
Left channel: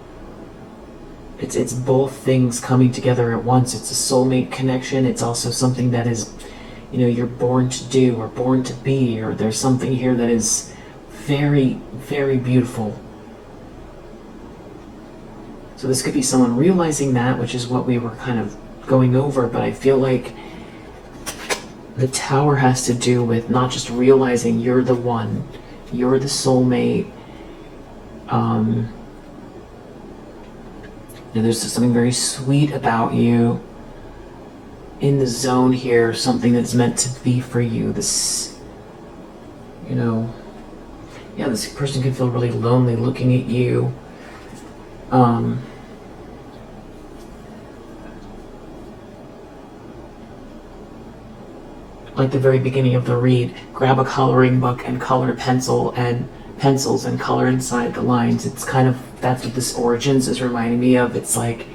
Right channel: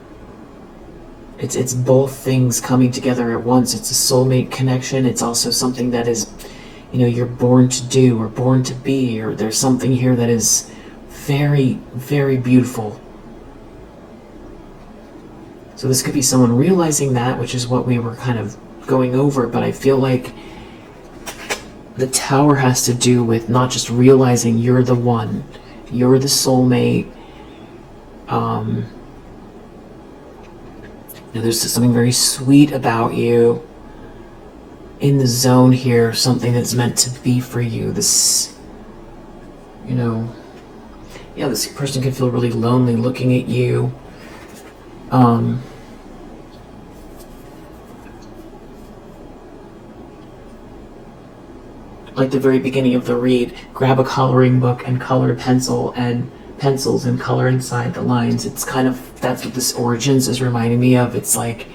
It's both things coming together at once. It's a soulmate connection. It's also something that is, you're born to do or born to be, or there's something here that is very, very beautiful. So this could be someone realizing that, which is what we were kind of going over, but I feel like the Tower has to do with not just realizing you're the one, you're the soulmate. There's something very sweet about you in the zone here, something that's meant to be for you. This, this person could feel really lonely looking at you. Like the very beginning of the read, grab a coloring book and color a pencil and pencils and color inside the lines. It's kind of, that's what this Origins is reminding me of. It's like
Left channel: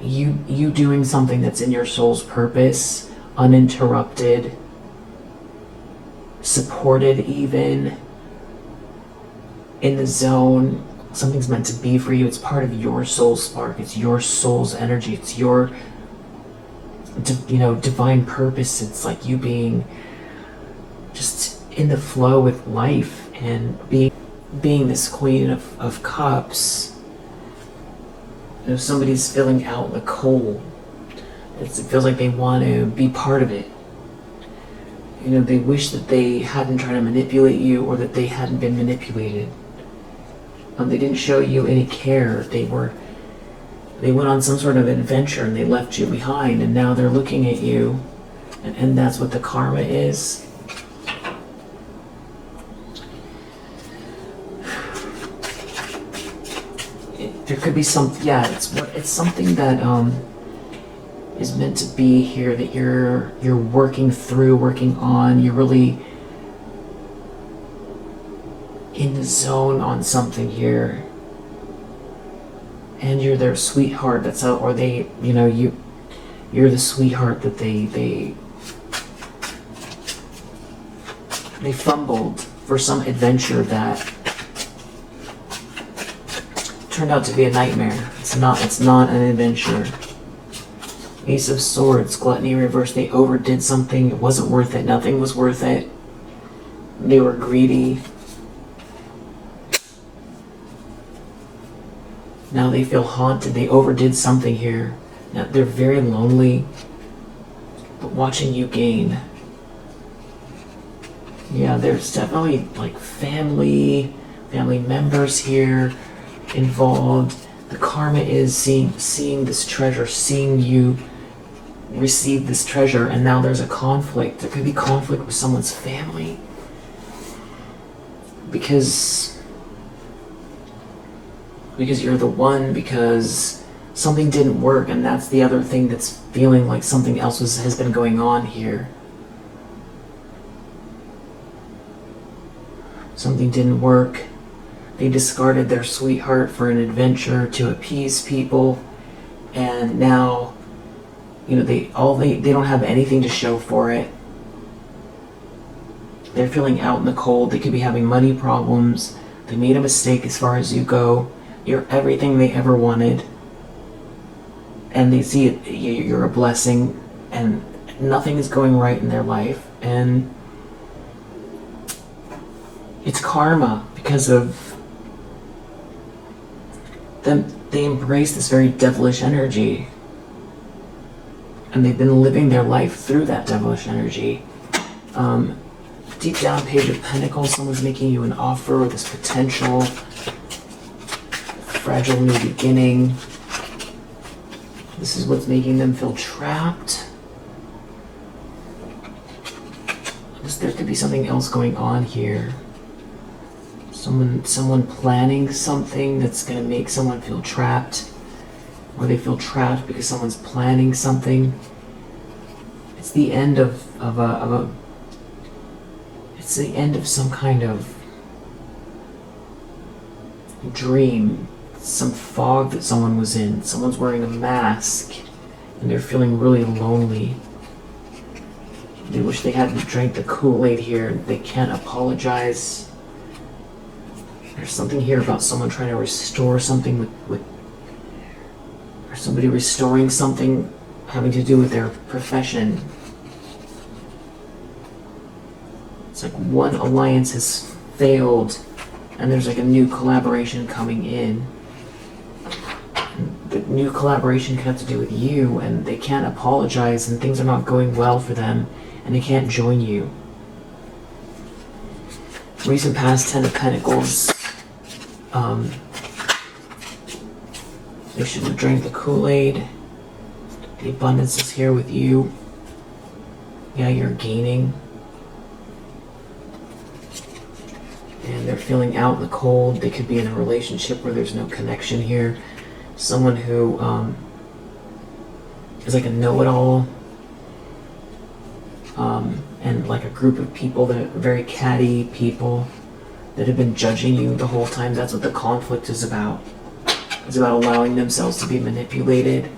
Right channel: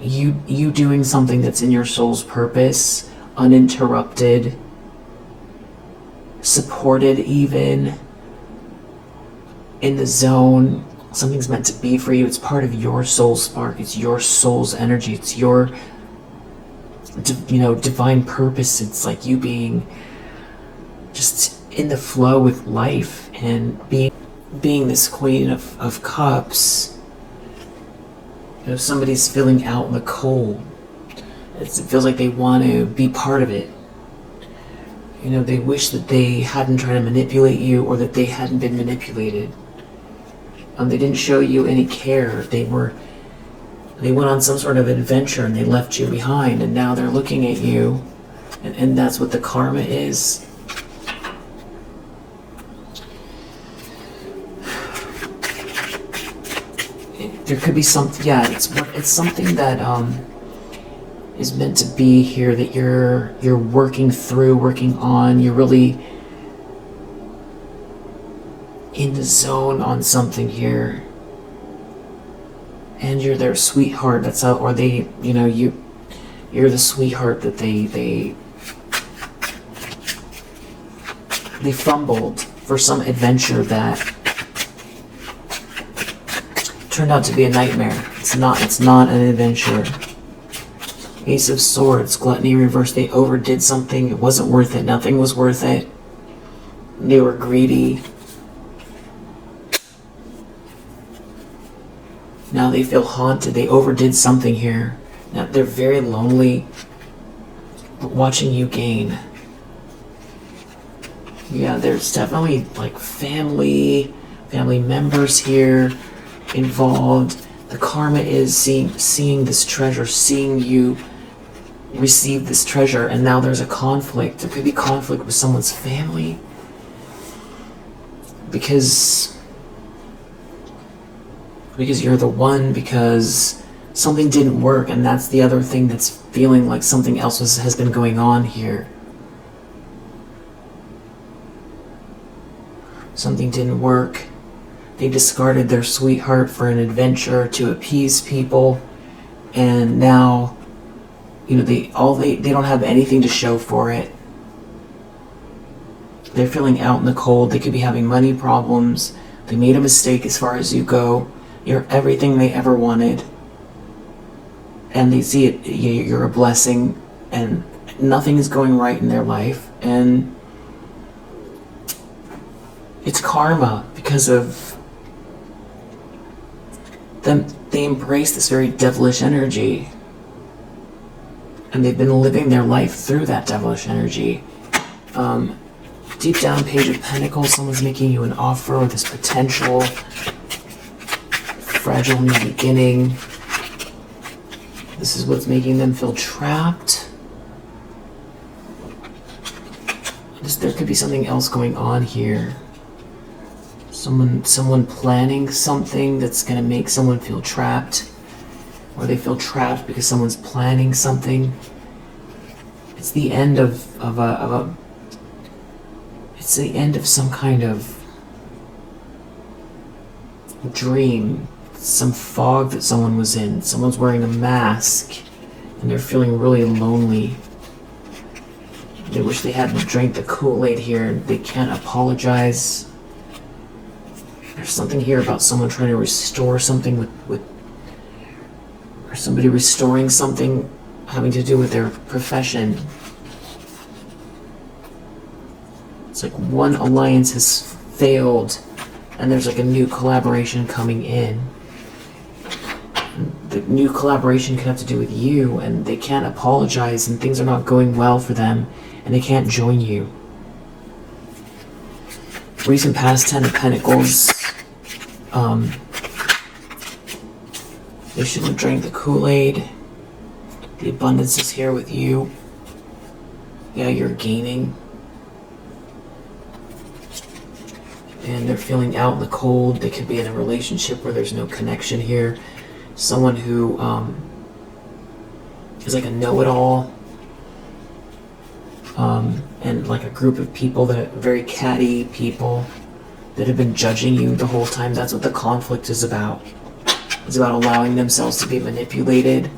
you doing something that's in your soul's purpose, uninterrupted, supported even, in the zone. Something's meant to be for you. It's part of your soul spark. It's your soul's energy. It's your, divine purpose. It's like you being just in the flow with life and being this Queen of Cups. Somebody's feeling out in the cold. It feels like they want to be part of it. They wish that they hadn't tried to manipulate you, or that they hadn't been manipulated. They didn't show you any care. They went on some sort of adventure and they left you behind, and now they're looking at you, and that's what the karma is. There could be something, it's something that is meant to be here, that you're working through, working on. You're really in the zone on something here, and you're their sweetheart. That's how, or they, you're the sweetheart that they fumbled for some adventure that turned out to be a nightmare. It's not an adventure. Ace of Swords, gluttony reversed. They overdid something. It wasn't worth it. Nothing was worth it. They were greedy. Now they feel haunted. They overdid something here. Now they're very lonely, but watching you gain. Yeah, there's definitely like family members here involved. The karma is seeing this treasure, seeing you receive this treasure, and now there's a conflict. There could be conflict with someone's family because you're the one, because something didn't work, and that's the other thing that's feeling like something else has been going on here. Something didn't work. They discarded their sweetheart for an adventure to appease people, and now, they don't have anything to show for it. They're feeling out in the cold. They could be having money problems. They made a mistake as far as you go. You're everything they ever wanted, and they see it. You're a blessing, and nothing is going right in their life, and it's karma because of them. They embrace this very devilish energy, and they've been living their life through that devilish energy. Deep down, Page of Pentacles, someone's making you an offer, or this potential fragile new beginning. This is what's making them feel trapped. There could be something else going on here. Someone planning something that's going to make someone feel trapped, or they feel trapped because someone's planning something. It's the end of it's the end of some kind of dream, some fog that someone was in. Someone's wearing a mask, and they're feeling really lonely. They wish they hadn't drank the Kool-Aid here, and they can't apologize. There's something here about someone trying to restore something with or somebody restoring something having to do with their profession. It's like one alliance has failed, and there's like a new collaboration coming in. And the new collaboration can have to do with you, and they can't apologize, and things are not going well for them, and they can't join you. Recent past, 10 of Pentacles. You shouldn't have drank the Kool-Aid. The abundance is here with you. Yeah, you're gaining. And they're feeling out in the cold. They could be in a relationship where there's no connection here. Someone who is like a know-it-all. And like a group of people that are very catty people that have been judging you the whole time. That's what the conflict is about. It's about allowing themselves to be manipulated.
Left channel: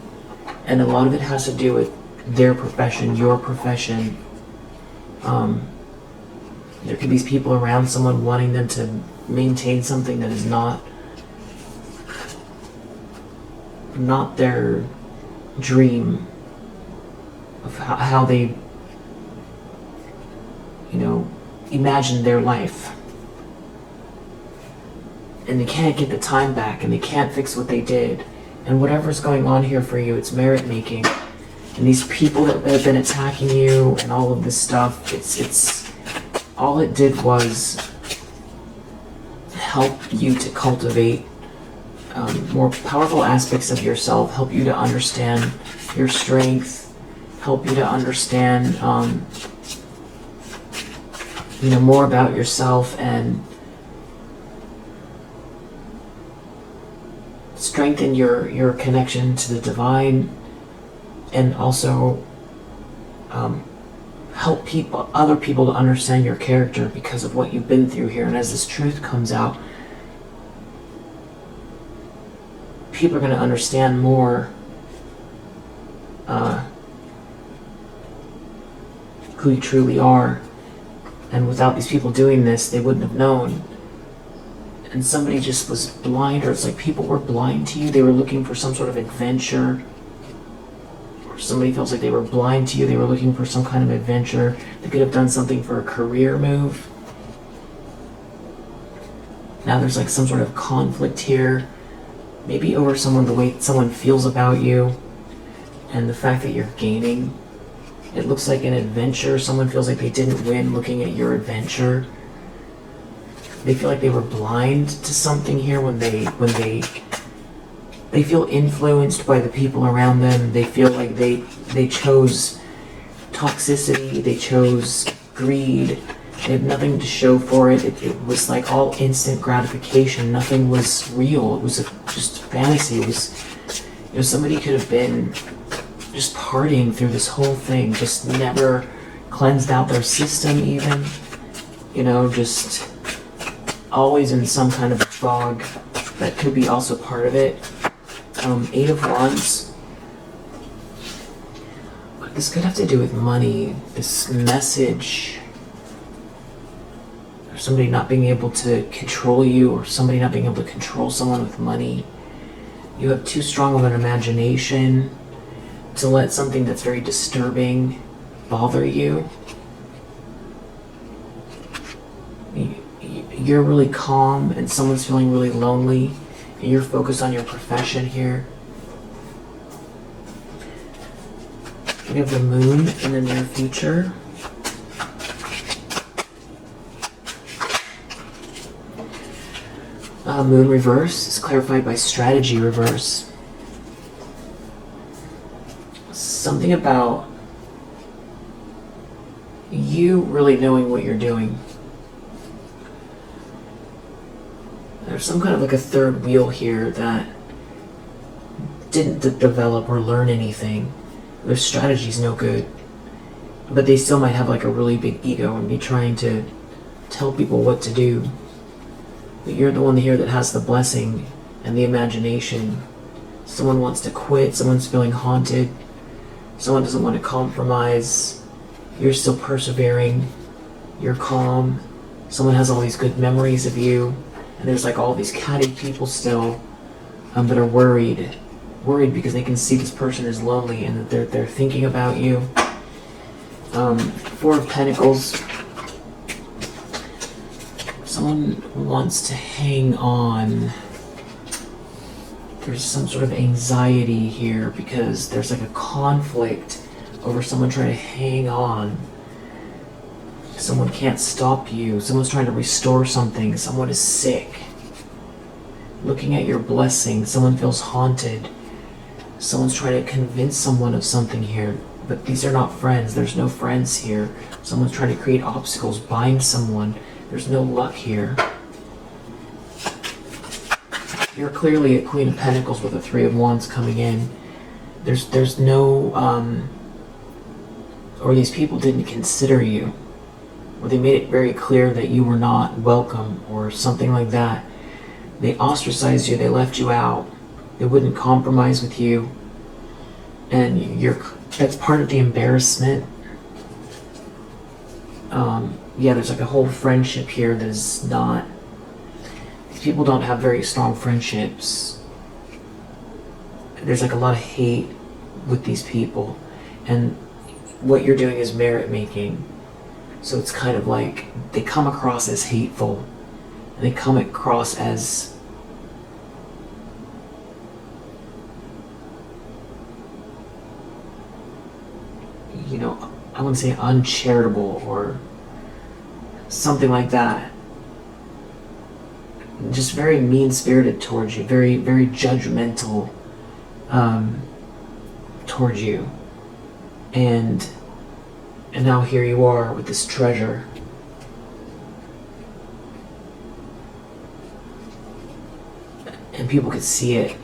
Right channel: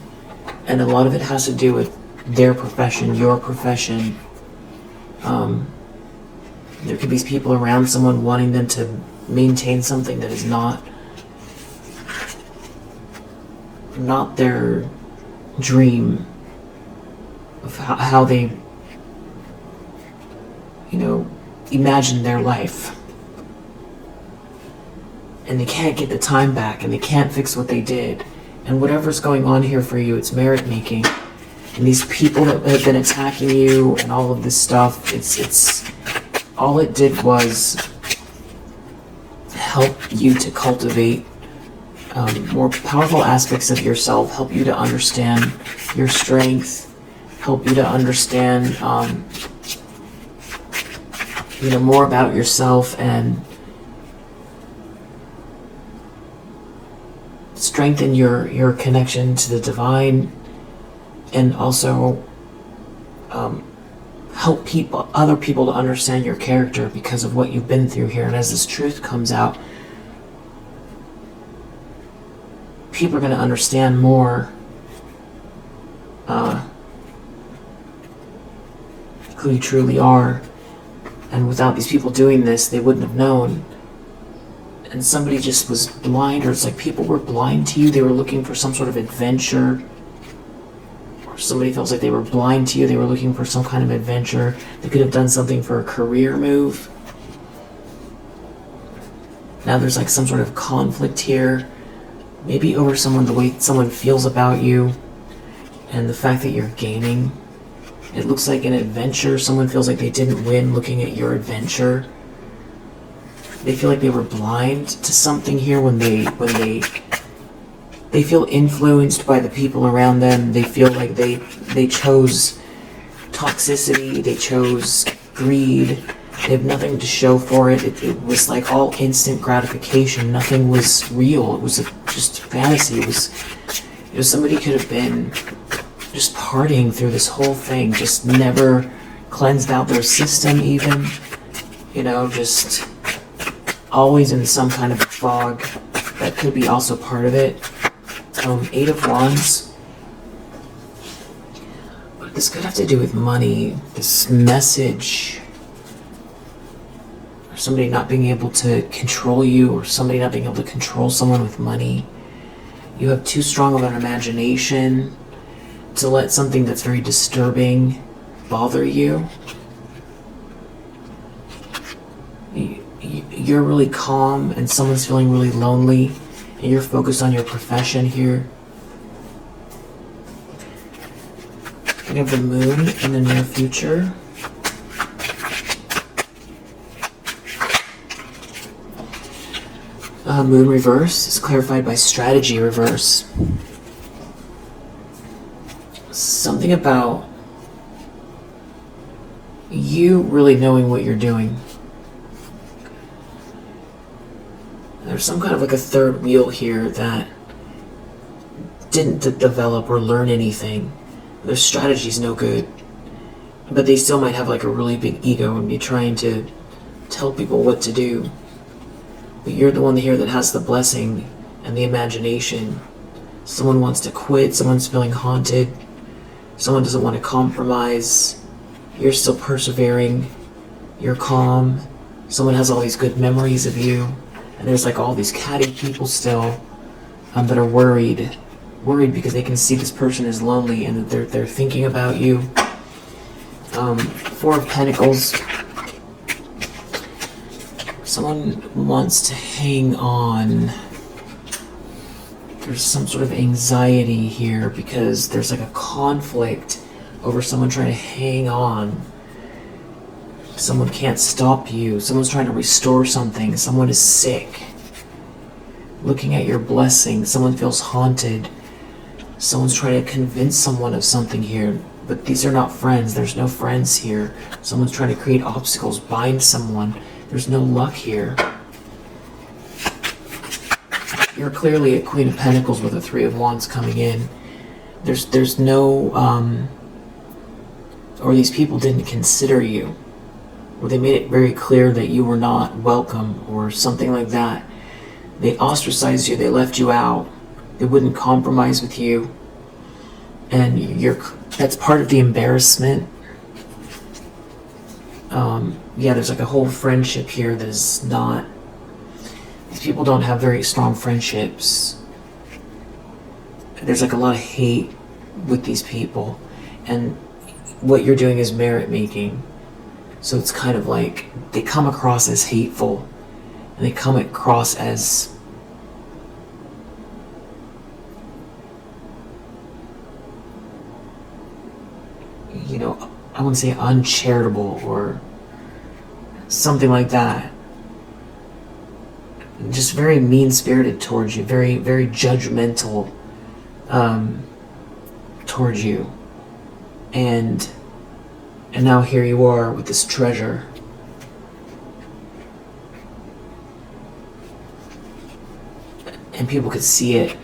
And a lot of it has to do with their profession, your profession. There could be people around someone wanting them to maintain something that is not their dream of how they, imagine their life. And they can't get the time back, and they can't fix what they did. And whatever's going on here for you, it's merit making. And these people that have been attacking you and all of this stuff, it's all it did was help you to cultivate more powerful aspects of yourself, help you to understand your strength, help you to understand more about yourself, and strengthen your connection to the divine, and also help other people to understand your character because of what you've been through here. And as this truth comes out, people are going to understand more who you truly are. And without these people doing this, they wouldn't have known. And somebody just was blind, or it's like people were blind to you. They were looking for some sort of adventure. Or somebody feels like they were blind to you. They were looking for some kind of adventure. They could have done something for a career move. Now there's like some sort of conflict here. Maybe over the way someone feels about you. And the fact that you're gaining. It looks like an adventure. Someone feels like they didn't win looking at your adventure. They feel like they were blind to something here when they feel influenced by the people around them. They feel like they chose toxicity, they chose greed. They have nothing to show for it. It was like all instant gratification. Nothing was real. It was just fantasy. It was, somebody could have been just partying through this whole thing, just never cleansed out their system even, just always in some kind of fog. That could be also part of it. 8 of Wands. But this could have to do with money, this message, or somebody not being able to control you, or somebody not being able to control someone with money. You have too strong of an imagination to let something that's very disturbing bother you. You're really calm and someone's feeling really lonely, and you're focused on your profession here. You have the moon in the near future. Moon reverse is clarified by strategy reverse. Something about you really knowing what you're doing. There's some kind of like a third wheel here that didn't develop or learn anything. Their strategy's no good. But they still might have like a really big ego and be trying to tell people what to do. But you're the one here that has the blessing and the imagination. Someone wants to quit, someone's feeling haunted, someone doesn't want to compromise. You're still persevering, you're calm, someone has all these good memories of you. And there's like all these catty people still that are worried because they can see this person is lonely and that they're thinking about you. 4 of Pentacles. Someone wants to hang on. There's some sort of anxiety here because there's like a conflict over someone trying to hang on. Someone can't stop you. Someone's trying to restore something. Someone is sick. Looking at your blessing, someone feels haunted. Someone's trying to convince someone of something here. But these are not friends. There's no friends here. Someone's trying to create obstacles, bind someone. There's no luck here. You're clearly a Queen of Pentacles with a 3 of Wands coming in. There's no, or these people didn't consider you. Or they made it very clear that you were not welcome or something like that. They ostracized you, they left you out. They wouldn't compromise with you. And that's part of the embarrassment. Yeah, there's like a whole friendship here that is not... These people don't have very strong friendships. There's like a lot of hate with these people. And what you're doing is merit making. So it's kind of like they come across as hateful. And they come across as... you know, I wouldn't say uncharitable or something like that. Just very mean-spirited towards you, very, very judgmental towards you. And now here you are with this treasure. And people could see it.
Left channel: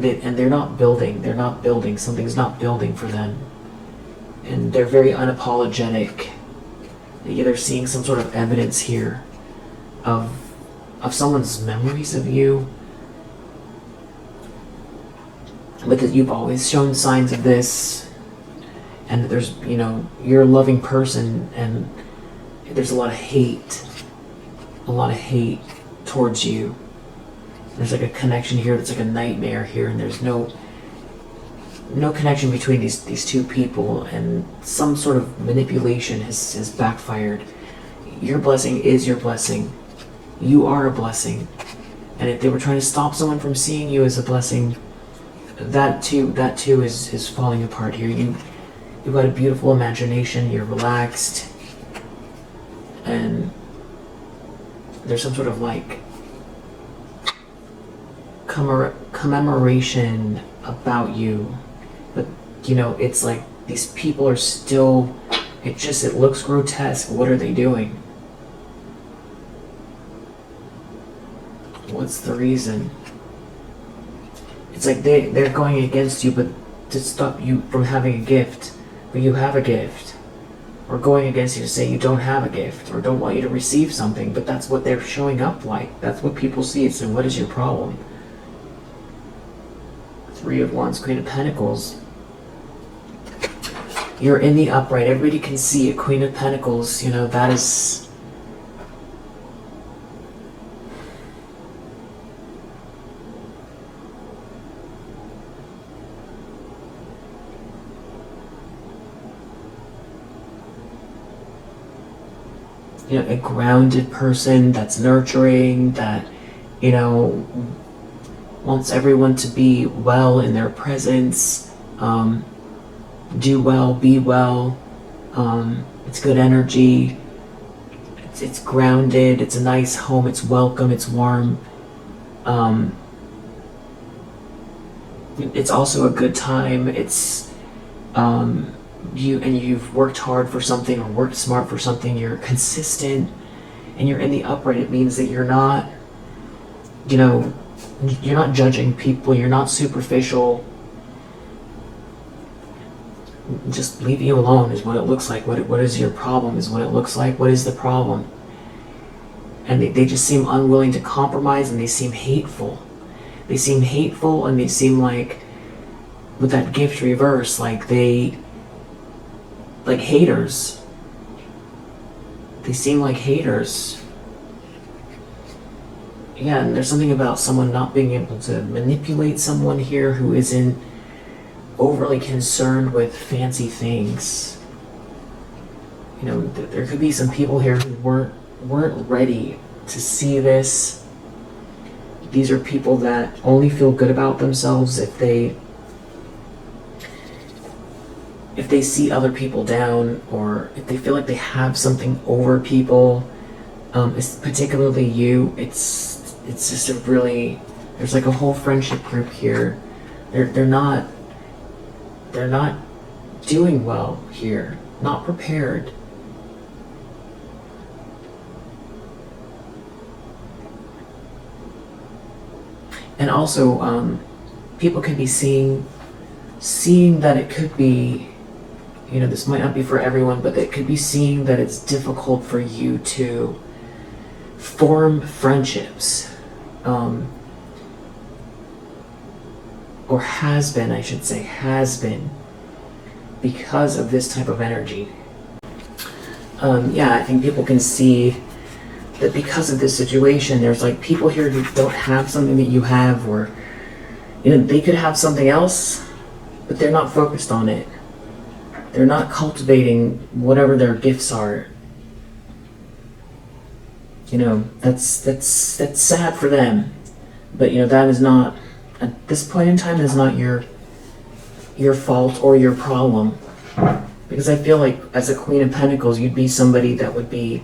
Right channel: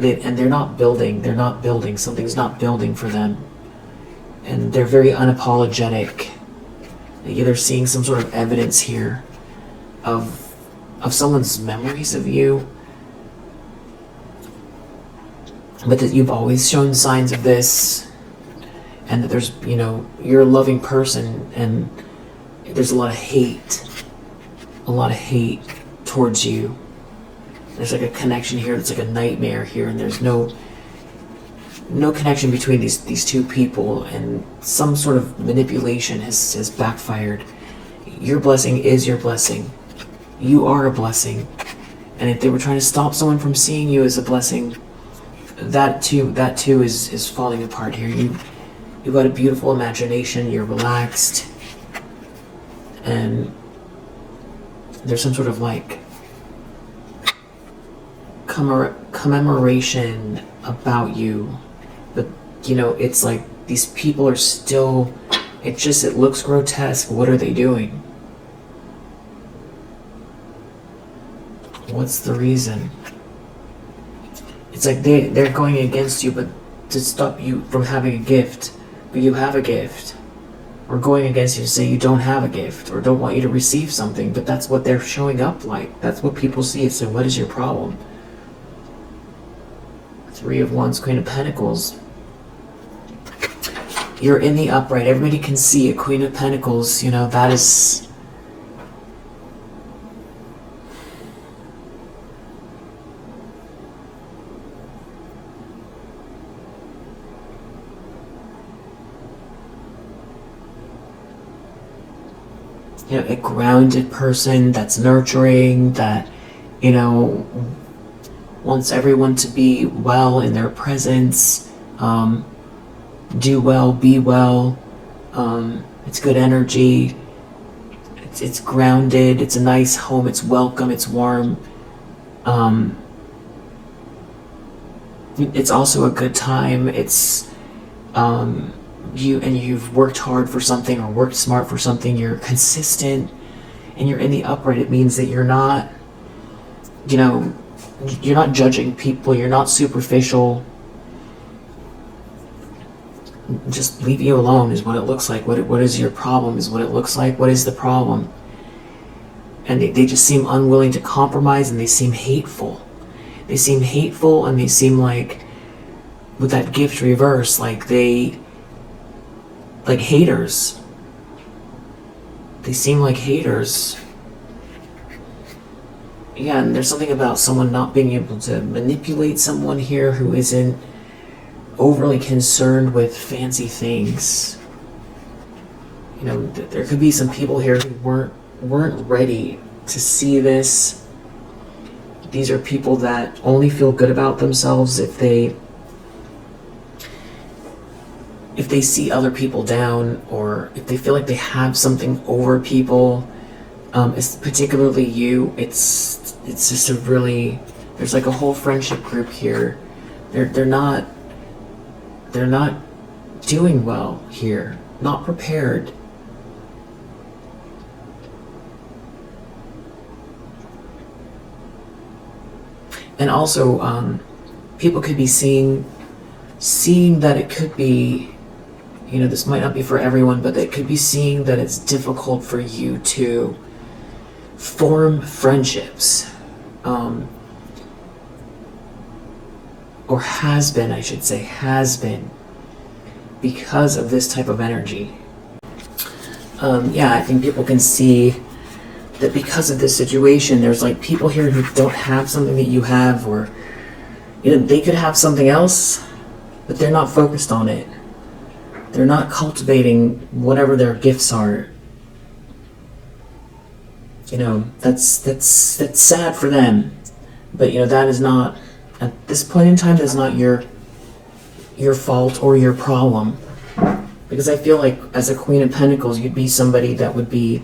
And they're not building, something's not building for them. And they're very unapologetic. They're seeing some sort of evidence here of someone's memories of you. But that you've always shown signs of this. And that there's, you know, you're a loving person and there's a lot of hate. A lot of hate towards you. There's like a connection here that's like a nightmare here, and there's no connection between these two people, and some sort of manipulation has backfired. Your blessing is your blessing. You are a blessing. And if they were trying to stop someone from seeing you as a blessing, that too is falling apart here. You've got a beautiful imagination, you're relaxed, and there's some sort of like commemoration about you. But you know, it's like these people are still, it looks grotesque. What are they doing? What's the reason? It's like they're going against you, but to stop you from having a gift. But you have a gift. Or going against you to say you don't have a gift, or don't want you to receive something, but that's what they're showing up like. That's what people see. So what is your problem? Three of Wands, Queen of Pentacles. You're in the upright. Everybody can see a Queen of Pentacles. You know, that is... you know, a grounded person that's nurturing, that, you know, wants everyone to be well in their presence, do well, be well. It's good energy. It's grounded. It's a nice home. It's welcome. It's warm. It's also a good time. It's you've worked hard for something or worked smart for something. You're consistent, and you're in the upright. It means that you're not, you know, you're not judging people. You're not superficial. Just leave you alone is what it looks like. What is your problem is what it looks like. What is the problem? And they just seem unwilling to compromise, and they seem hateful. They seem hateful, and they seem like, with that gift reverse, like haters. They seem like haters. Yeah, and there's something about someone not being able to manipulate someone here who isn't overly concerned with fancy things. You know, there could be some people here who weren't ready to see this. These are people that only feel good about themselves if they see other people down, or if they feel like they have something over people. Particularly you. It's just a really, there's like a whole friendship group here. They're not doing well here. Not prepared. And also, people could be seeing that it could be, you know, this might not be for everyone, but it could be seeing that it's difficult for you to form friendships. Or has been, I should say, has been. because of this type of energy. Yeah, I think people can see that because of this situation, there's like people here who don't have something that you have, or, you know, they could have something else, but they're not focused on it. They're not cultivating whatever their gifts are. You know, that's sad for them. But, you know, that is not, at this point in time, that's not your fault or your problem. Because I feel like as a Queen of Pentacles, you'd be somebody that would be,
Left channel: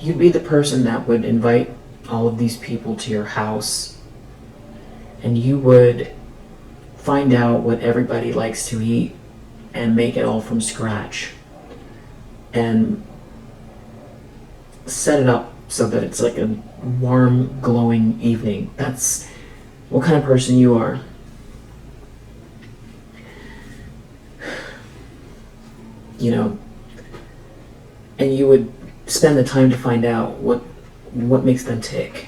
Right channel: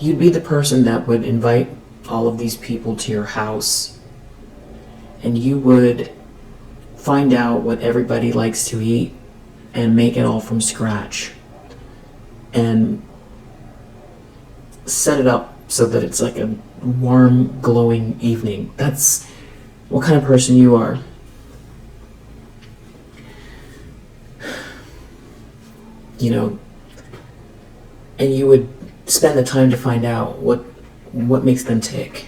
you'd be the person that would invite all of these people to your house. And you would find out what everybody likes to eat and make it all from scratch. And set it up so that it's like a warm, glowing evening. That's what kind of person you are. You know, and you would spend the time to find out what makes them tick.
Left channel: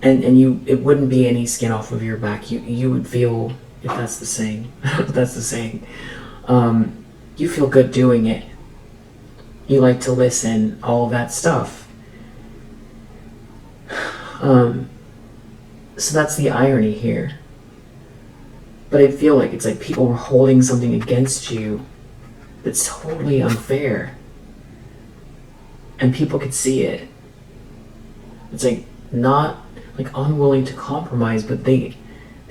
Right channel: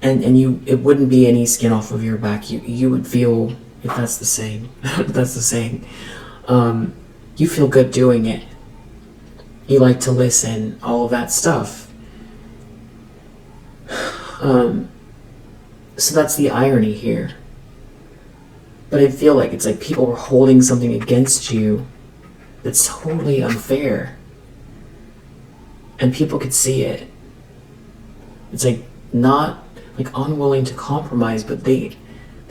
And you, it wouldn't be any skin off of your back. You would feel, if that's the saying, you feel good doing it. You like to listen, all of that stuff. So that's the irony here. But I feel like it's like people are holding something against you that's totally unfair. And people could see it. It's like not like unwilling to compromise, but they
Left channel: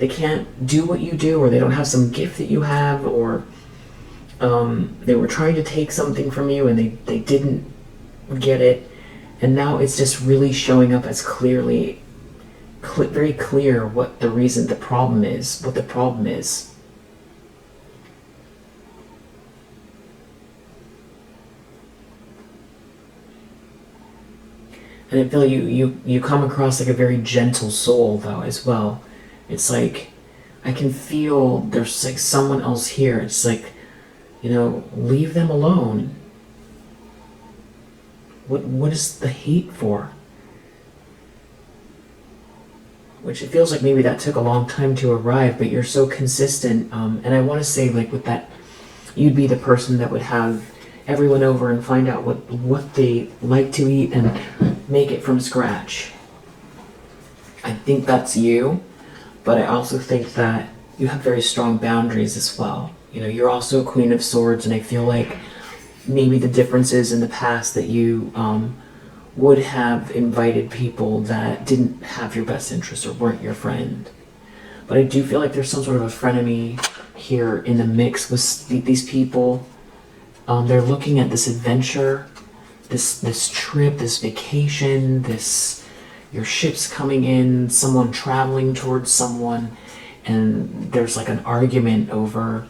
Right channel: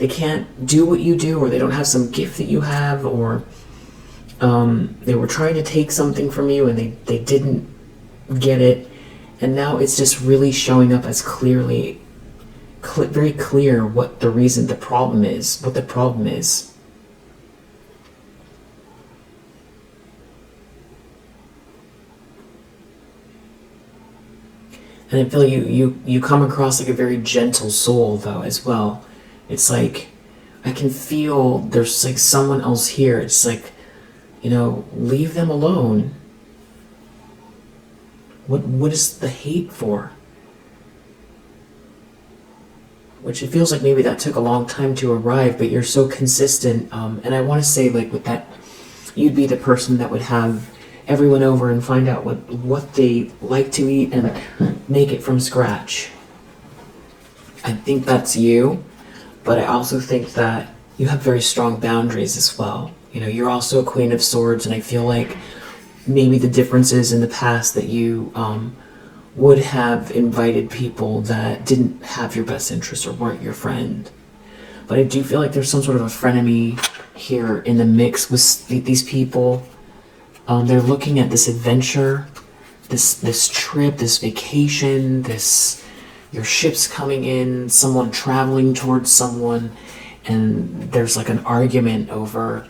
can't do what you do, or they don't have some gift that you have, or they were trying to take something from you and they didn't get it. And now it's just really showing up as clearly, very clear what the reason, the problem is, what the problem is. And I feel you come across like a very gentle soul, though, as well. It's like, I can feel there's like someone else here. It's like, you know, leave them alone. What is the hate for? Which it feels like maybe that took a long time to arrive, but you're so consistent. And I want to say, like, with that, you'd be the person that would have everyone over and find out what they like to eat and make it from scratch. I think that's you, but I also think that you have very strong boundaries as well. You know, you're also a Queen of Swords, and I feel like maybe the difference is in the past that you would have invited people that didn't have your best interest or weren't your friend. But I do feel like there's some sort of a frenemy here in the mix with these people. They're looking at this adventure, this trip, this vacation, your ship's coming in, someone traveling towards someone, and there's like an argument over,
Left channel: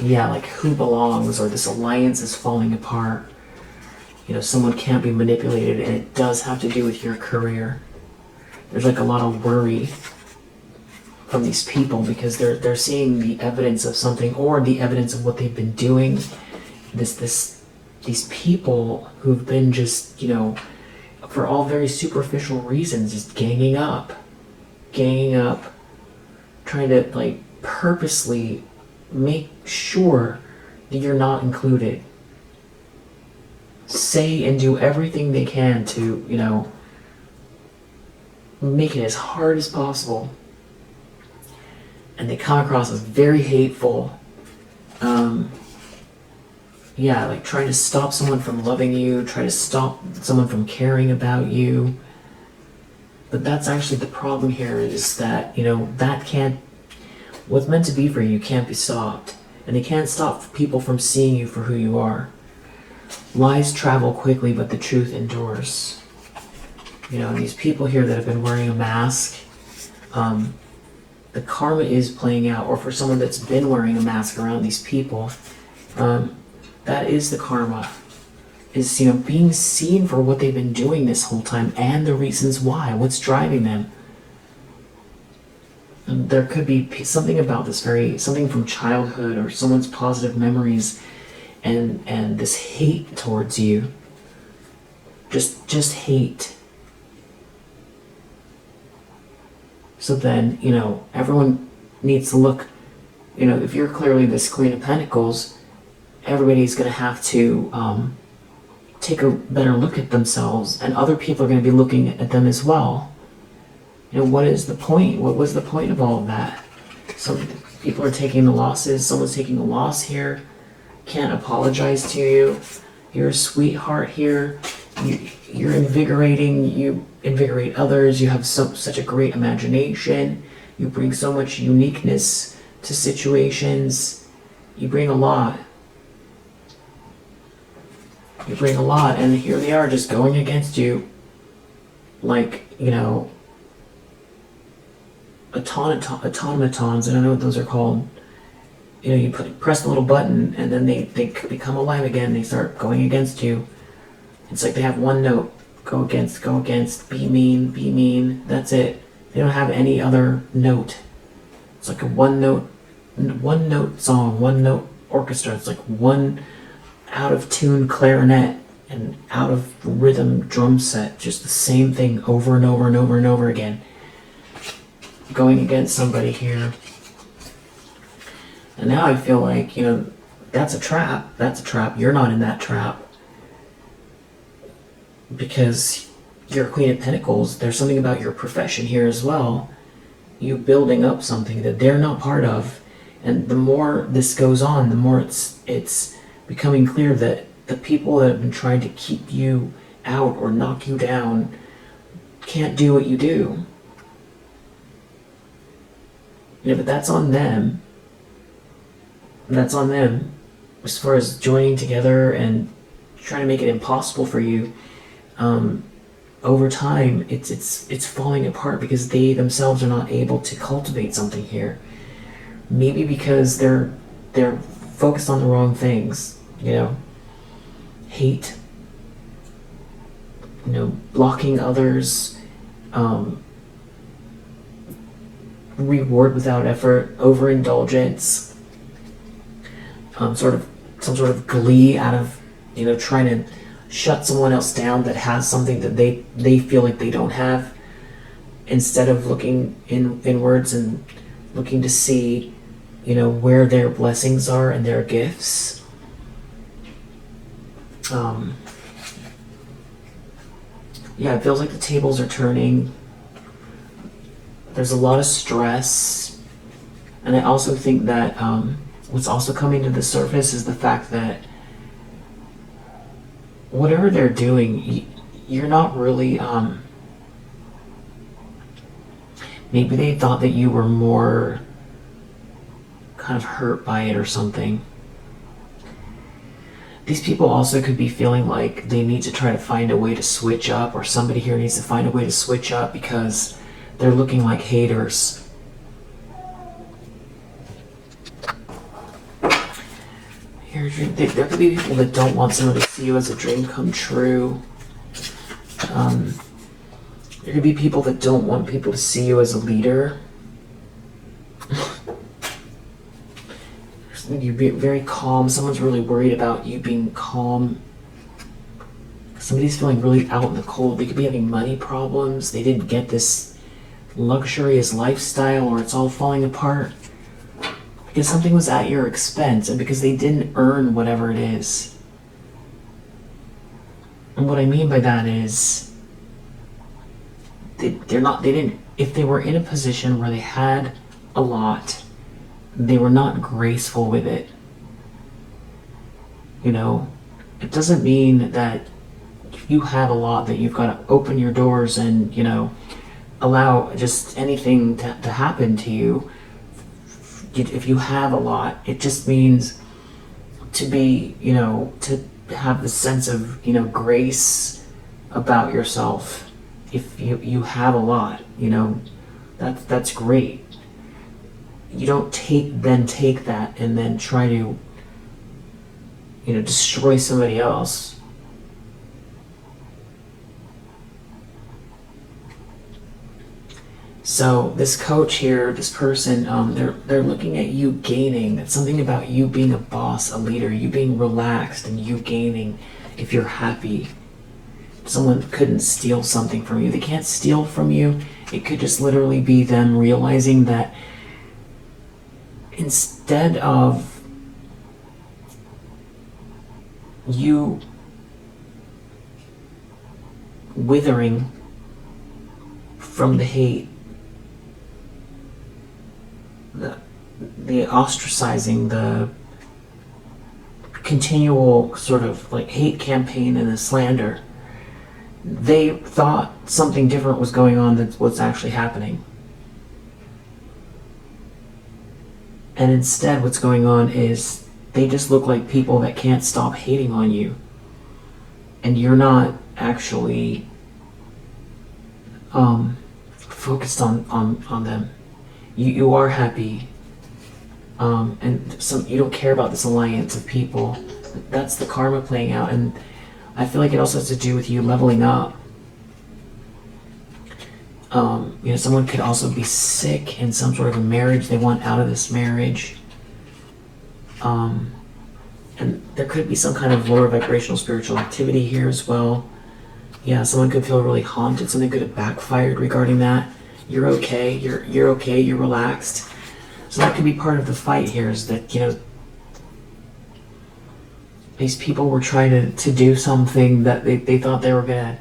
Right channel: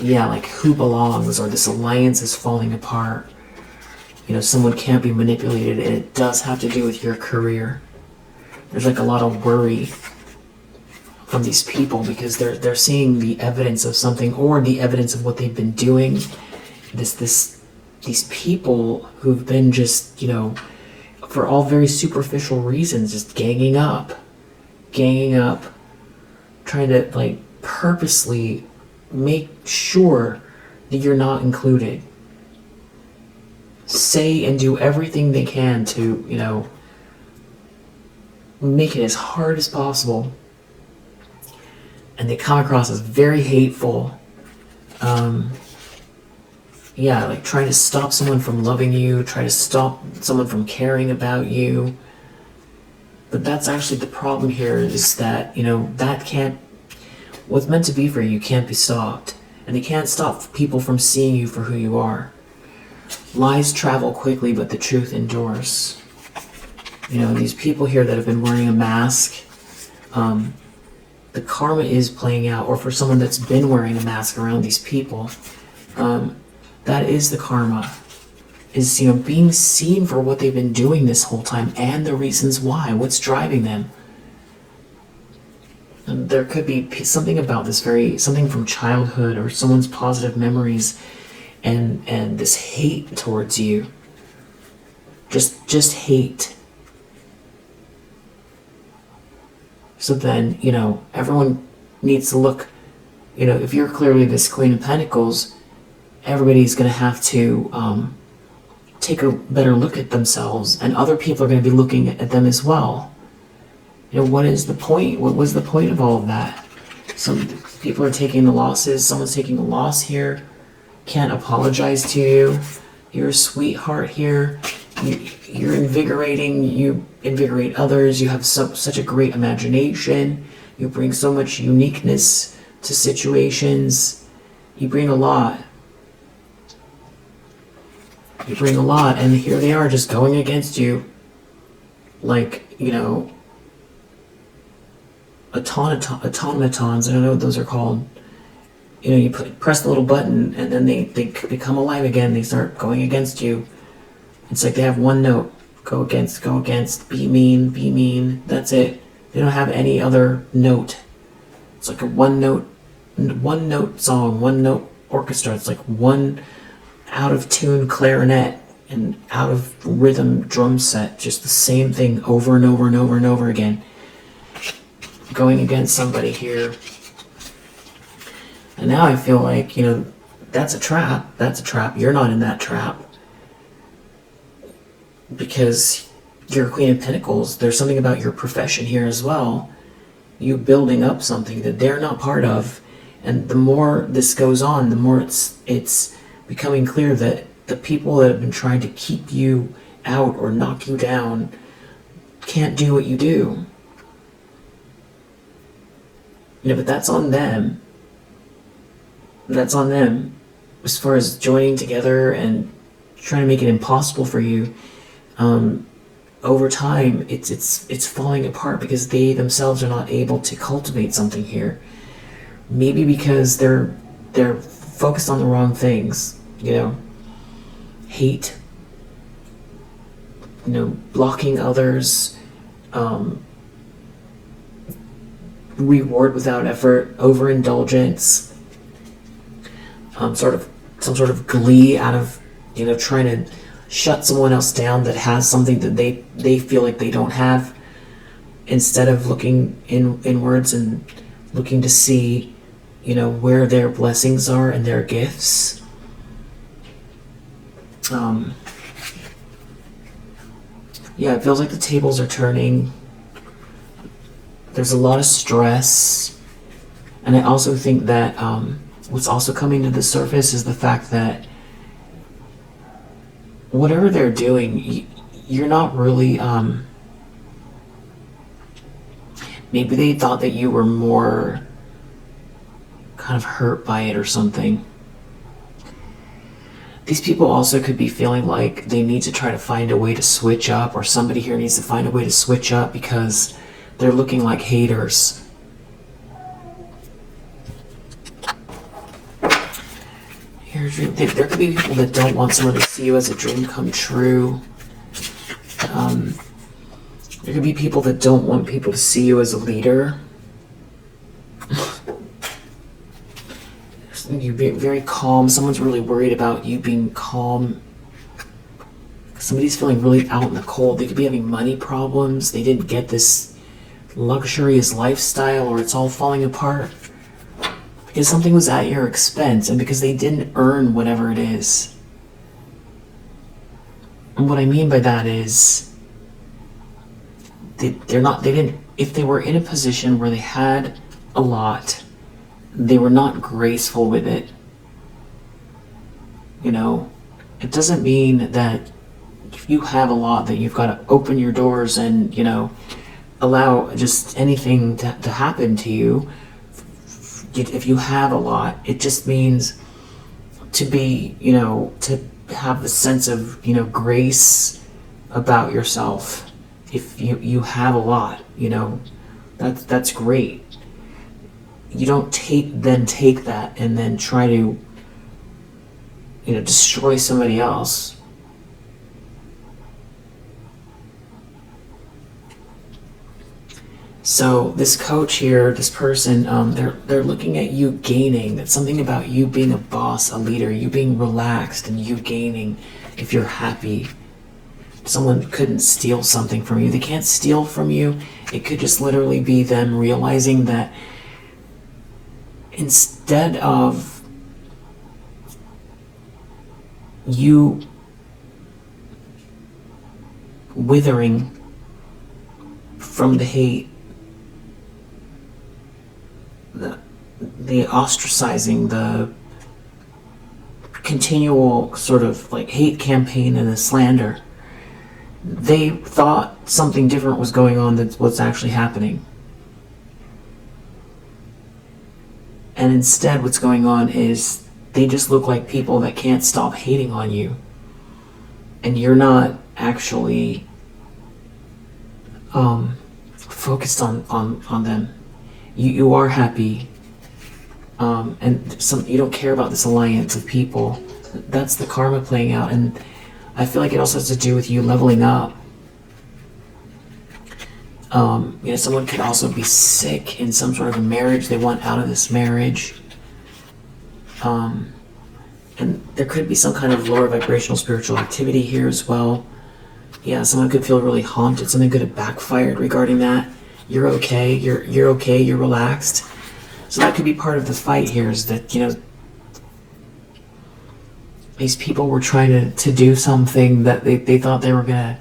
yeah, like who belongs, or this alliance is falling apart. You know, someone can't be manipulated, and it does have to do with your career. There's like a lot of worry from these people because they're seeing the evidence of something, or the evidence of what they've been doing. These people who've been just, you know, for all very superficial reasons, just ganging up, trying to like purposely make sure that you're not included. Say and do everything they can to, you know, make it as hard as possible. And they come across as very hateful. Yeah, like trying to stop someone from loving you, try to stop someone from caring about you. But that's actually the problem here, is that, you know, that can't, what's meant to be for you can't be stopped. And they can't stop people from seeing you for who you are. Lies travel quickly, but the truth endures. You know, these people here that have been wearing a mask, the karma is playing out, or for someone that's been wearing a mask around these people, that is the karma. Is, you know, being seen for what they've been doing this whole time and the reasons why, what's driving them. And there could be something about this something from childhood or someone's positive memories, and this hate towards you. Just hate. So then, you know, everyone needs to look, if you're clearly this Queen of Pentacles, everybody's going to have to take a better look at themselves, and other people are going to be looking at them as well. What is the point? What was the point of all of that? Some people are taking the losses. Someone's taking a loss here. Can't apologize to you. You're a sweetheart here. You're invigorating. You invigorate others. You have such a great imagination. You bring so much uniqueness to situations. You bring a lot. You bring a lot, and here they are just going against you like, automatons. I don't know what those are called. You press the little button, and then they become alive again. They start going against you. It's like they have one note. Go against, be mean. That's it. They don't have any other note. It's like a one note song, one note orchestra. It's like one out of tune clarinet and out of rhythm drum set. Just the same thing over and over and over and over again. Going against somebody here. And now I feel like, that's a trap. That's a trap. You're not in that trap. Because you're a Queen of Pentacles. There's something about your profession here as well. You building up something that they're not part of. And the more this goes on, the more it's becoming clear that the people that have been trying to keep you out or knock you down can't do what you do. But that's on them. That's on them. As far as joining together and trying to make it impossible for you, over time, it's falling apart because they themselves are not able to cultivate something here. Maybe because they're focused on the wrong things. Hate. Blocking others. Reward without effort, overindulgence, some sort of glee out of trying to shut someone else down that has something that they feel like they don't have, instead of looking inwards and looking to see where their blessings are and their gifts. It feels like the tables are turning. There's a lot of stress, and I also think that what's also coming to the surface is the fact that whatever they're doing, you're not really, maybe they thought that you were more kind of hurt by it or something. These people also could be feeling like they need to try to find a way to switch up, or somebody here needs to find a way to switch up because they're looking like haters. There could be people that don't want someone to see you as a dream come true. There could be people that don't want people to see you as a leader. You be very calm. Someone's really worried about you being calm. Somebody's feeling really out in the cold. They could be having money problems. They didn't get this luxurious lifestyle, or it's all falling apart because something was at your expense and because they didn't earn whatever it is. And what I mean by that is if they were in a position where they had a lot, they were not graceful with it. It doesn't mean that if you have a lot that you've got to open your doors and allow just anything to happen to you. If you have a lot, it just means to be, to have the sense of, grace about yourself. If you have a lot, that's great. You don't take that and then try to, destroy somebody else. So this coach here, this person, they're looking at you gaining. That's something about you being a boss, a leader, you being relaxed and you gaining if you're happy. Someone couldn't steal something from you. They can't steal from you. It could just literally be them realizing that instead of you withering from the hate, the ostracizing, the continual sort of like hate campaign and the slander, they thought something different was going on than what's actually happening. And instead what's going on is they just look like people that can't stop hating on you. And you're not actually focused on them. You are happy. And you don't care about this alliance of people. That's the karma playing out. And I feel like it also has to do with you leveling up. Someone could also be sick in some sort of a marriage. They want out of this marriage. And there could be some kind of lower vibrational spiritual activity here as well. Yeah, someone could feel really haunted. Something could have backfired regarding that. You're okay. You're okay. You're relaxed. So that could be part of the fight here, is that, these people were trying to do something that they thought they were going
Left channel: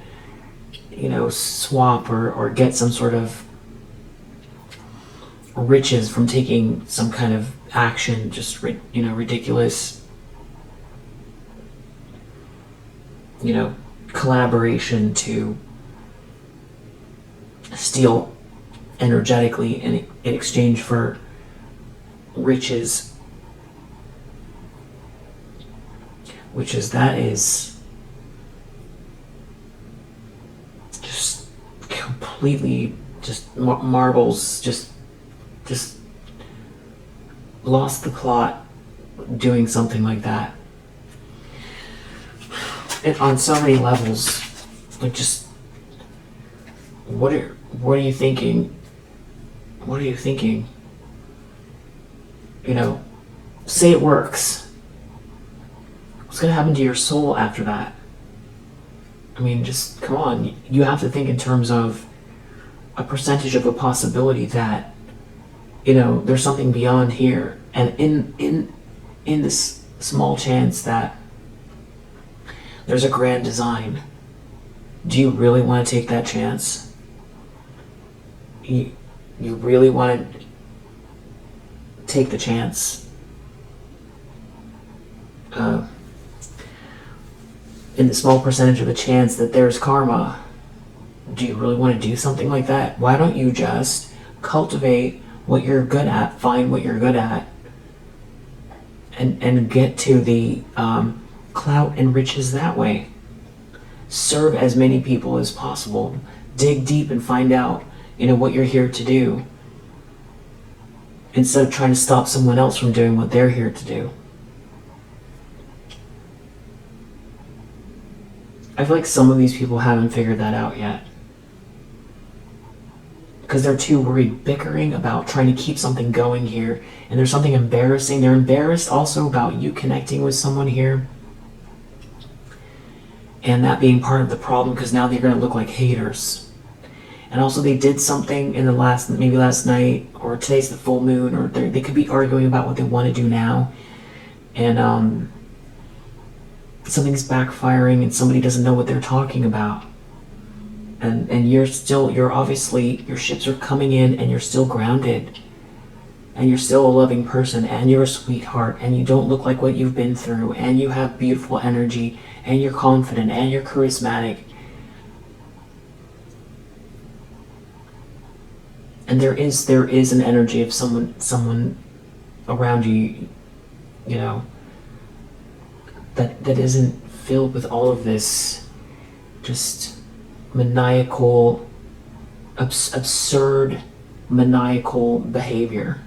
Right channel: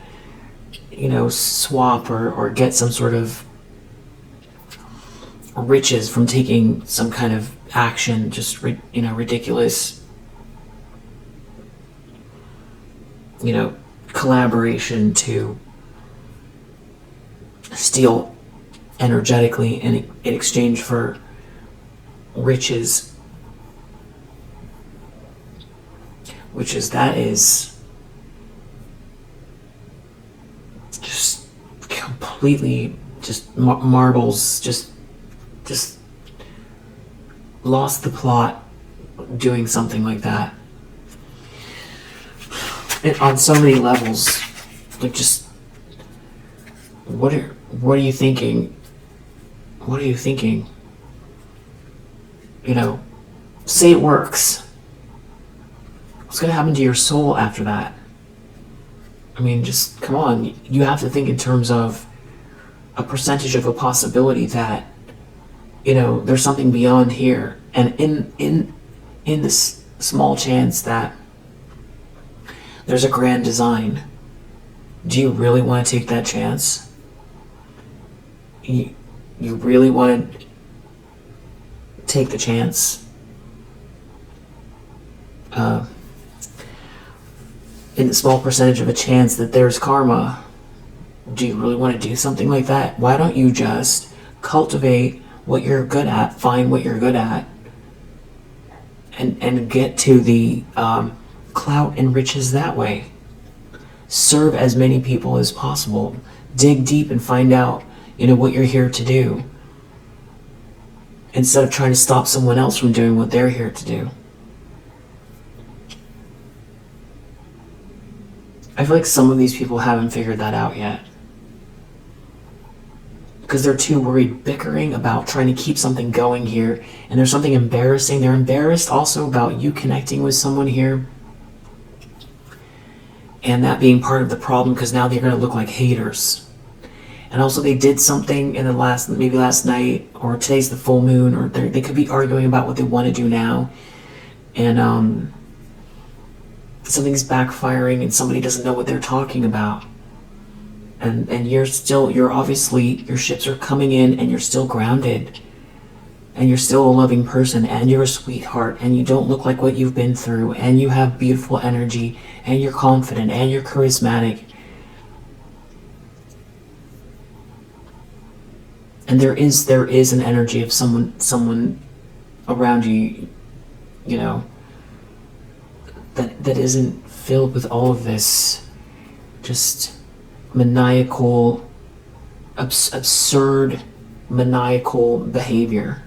to, swap or get some sort of riches from taking some kind of action, just, ridiculous, collaboration to steal energetically in exchange for riches, that is just completely just marbles, just lost the plot doing something like that. And on so many levels, like, just what are you thinking? What are you thinking? Say it works. What's going to happen to your soul after that? I mean, just come on. You have to think in terms of a percentage of a possibility that, there's something beyond here. And in this small chance that there's a grand design, do you really want to take that chance? You really want to take the chance in the small percentage of a chance that there's karma? Do you really want to do something like that? Why don't you just cultivate what you're good at, find what you're good at, and get to the clout and riches that way? Serve as many people as possible. Dig deep and find out, what you're here to do, instead of trying to stop someone else from doing what they're here to do. I feel like some of these people haven't figured that out yet, because they're too worried, bickering about trying to keep something going here. And there's something embarrassing. They're embarrassed also about you connecting with someone here, and that being part of the problem, because now they're going to look like haters. And also they did something in maybe last night, or today's the full moon, or they could be arguing about what they want to do now, and something's backfiring and somebody doesn't know what they're talking about. And you're obviously, your ships are coming in and you're still grounded, and you're still a loving person, and you're a sweetheart, and you don't look like what you've been through, and you have beautiful energy, and you're confident, and you're charismatic. And there is an energy of someone around you, that isn't filled with all of this just maniacal, absurd, maniacal behavior.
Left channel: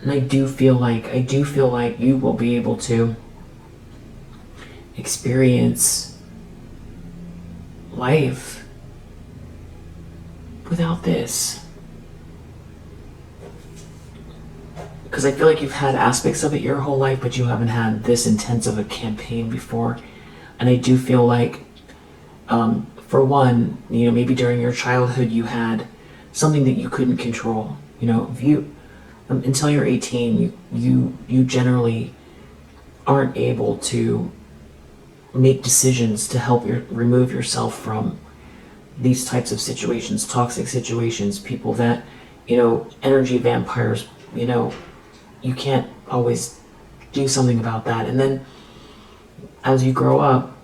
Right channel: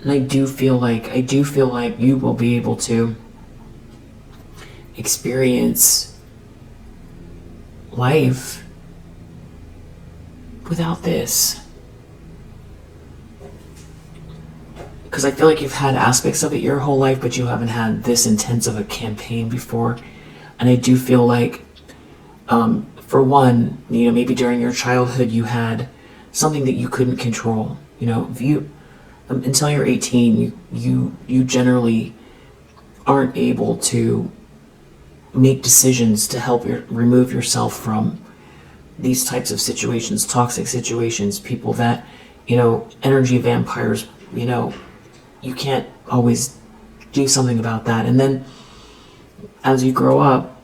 And I do feel like you will be able to experience life without this. Because I feel like you've had aspects of it your whole life, but you haven't had this intense of a campaign before. And I do feel like, for one, maybe during your childhood you had something that you couldn't control. You know, if you until you're 18, you generally aren't able to make decisions to help remove yourself from these types of situations, toxic situations, people that, you know, energy vampires, you know, you can't always do something about that. And then as you grow up,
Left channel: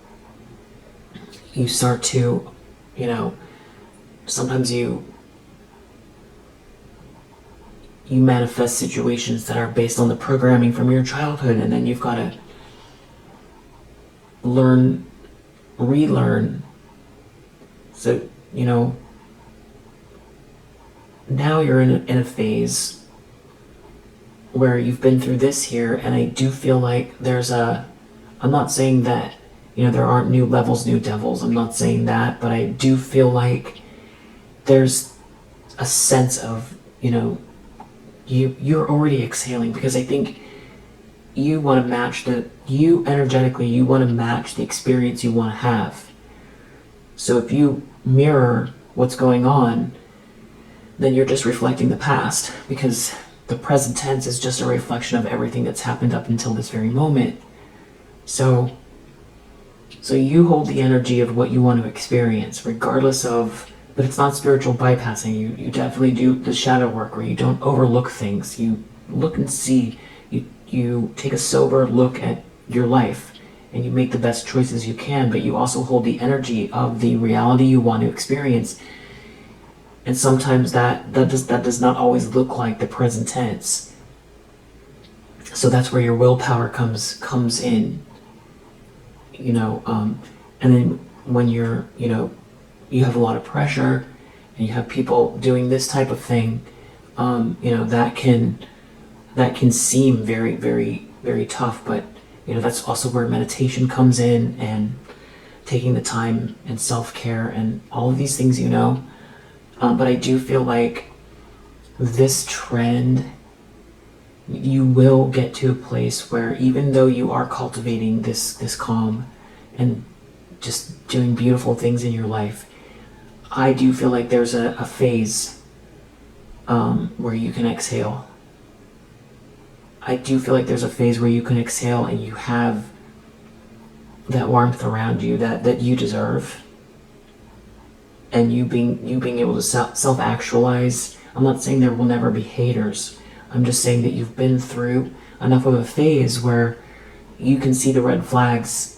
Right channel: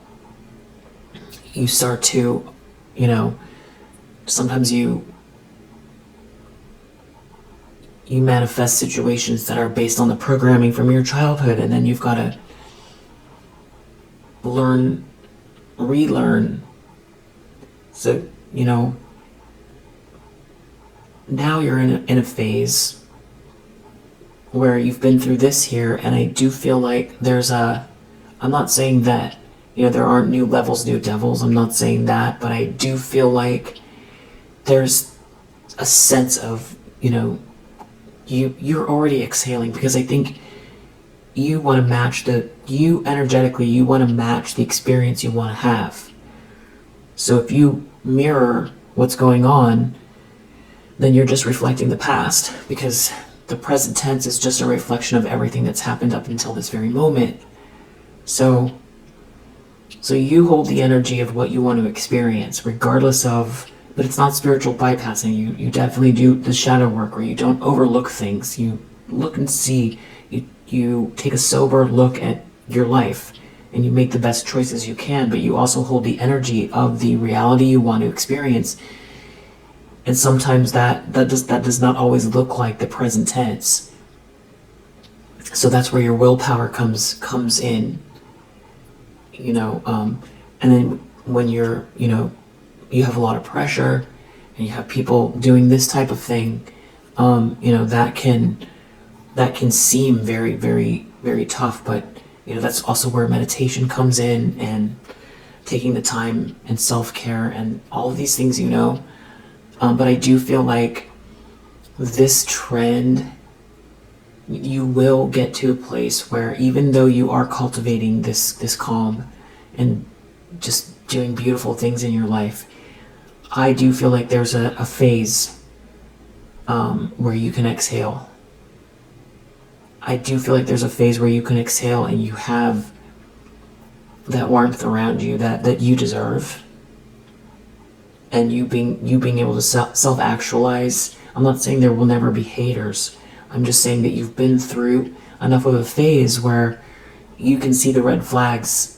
you start to, you know, sometimes you manifest situations that are based on the programming from your childhood, and then you've got to relearn. So, you know, now you're in a phase where you've been through this here, and I do feel like I'm not saying that, you know, there aren't new levels, new devils, I'm not saying that, but I do feel like there's a sense of, you know, you're already exhaling, because I think you want to match you want to match the experience you want to have. So if you mirror what's going on, then you're just reflecting the past, because the present tense is just a reflection of everything that's happened up until this very moment. So you hold the energy of what you want to experience, regardless of, but it's not spiritual bypassing. You definitely do the shadow work, where you don't overlook things. You look and see, you take a sober look at your life, and you make the best choices you can, but you also hold the energy of the reality you want to experience. And sometimes that does not always look like the present tense. So that's where your willpower comes in, you know, and then when you're, you know, you have a lot of pressure, and you have people doing this type of thing, you know, that can seem very, very, very tough, but, you know, that's also where meditation comes in, and taking the time, and self-care, and all of these things, you know. But I do feel like this trend, you will get to a place where, even though you are cultivating this calm and just doing beautiful things in your life, I do feel like there's a phase where you can exhale. I do feel like there's a phase where you can exhale, and you have that warmth around you that you deserve. And you being able to self-actualize. I'm not saying there will never be haters. I'm just saying that you've been through enough of a phase where you can see the red flags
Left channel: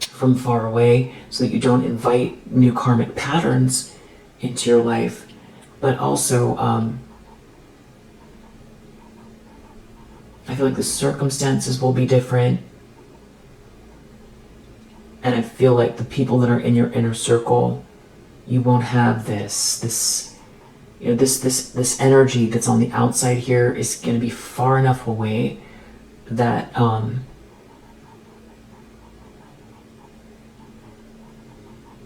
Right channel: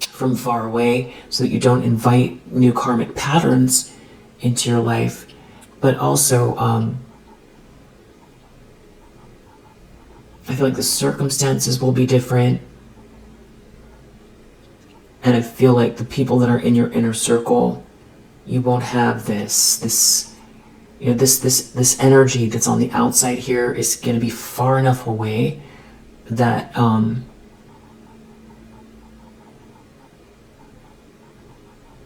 from far away, so that you don't invite new karmic patterns into your life. But also, I feel like the circumstances will be different. And I feel like the people that are in your inner circle, you won't have this you know, this energy that's on the outside here is going to be far enough away that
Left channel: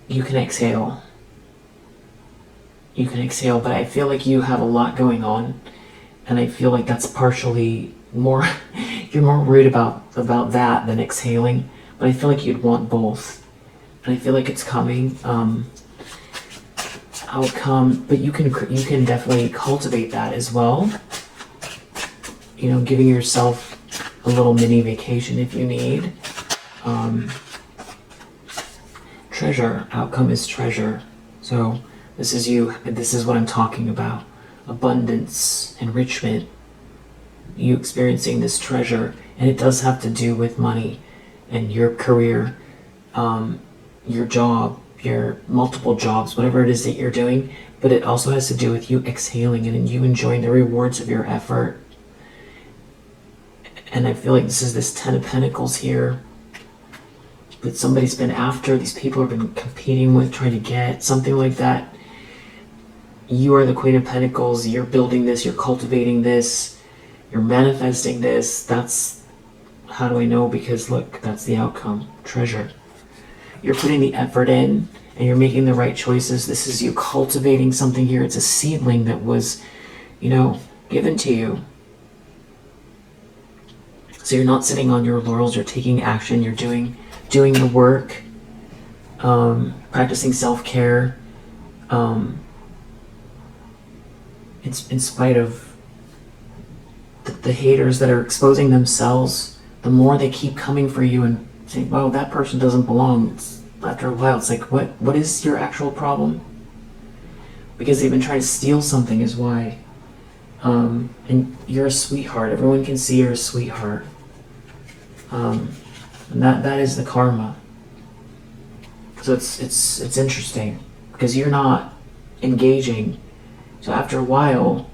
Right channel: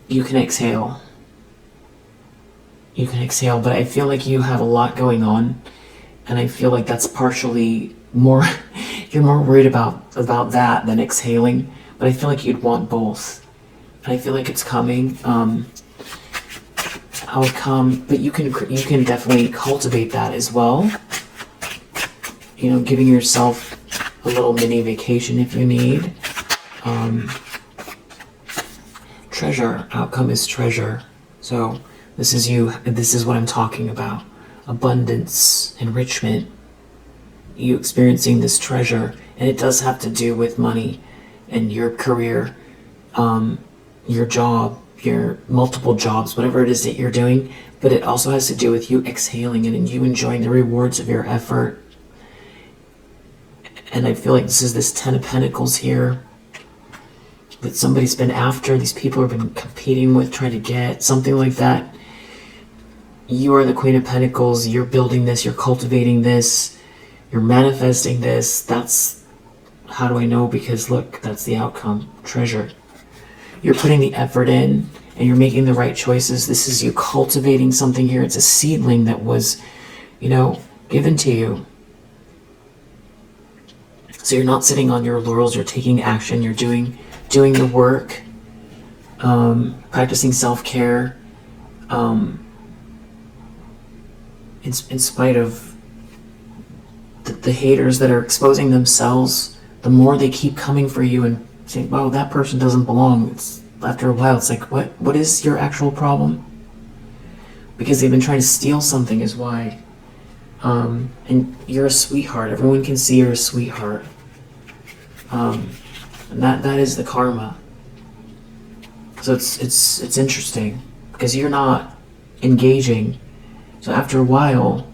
you can exhale. You can exhale, but I feel like you have a lot going on, and I feel like that's partially more you're more worried about that than exhaling. But I feel like you'd want both, and I feel like it's coming. How it come, but you can definitely cultivate that as well. You know, giving yourself a little mini vacation if you need. Treasure, outcome is treasure. So this is you. This is what I'm talking about. Abundance, enrichment. You experiencing this treasure, and it does have to do with money and your career, your job, your multiple jobs, whatever it is that you're doing, but it also has to do with you exhaling it and you enjoying the rewards of your effort. And I feel like this is this 10 of Pentacles here that somebody's been after, these people have been competing with, trying to get, something like that. You are the Queen of Pentacles, you're building this, you're cultivating this, you're manifesting this. That's, how do I know? Because look, that's the outcome, treasure. You're putting the effort in, and you're making the right choices. This is you cultivating something here. It's a seedling that was, you know, given to you. So you're not sitting on your laurels, you're taking action, you're doing the work, practicing self-care, in spite of the haters that are exposing themselves, the more they keep coming for you and saying, wow, that person doesn't belong. After a while, it's like, what is your actual problem? Because they've been trying to steal something is why. And you're a sweetheart. Everyone can see you're a sweetheart. And that is the karma. So it's interesting because you're not engaging. So after a while,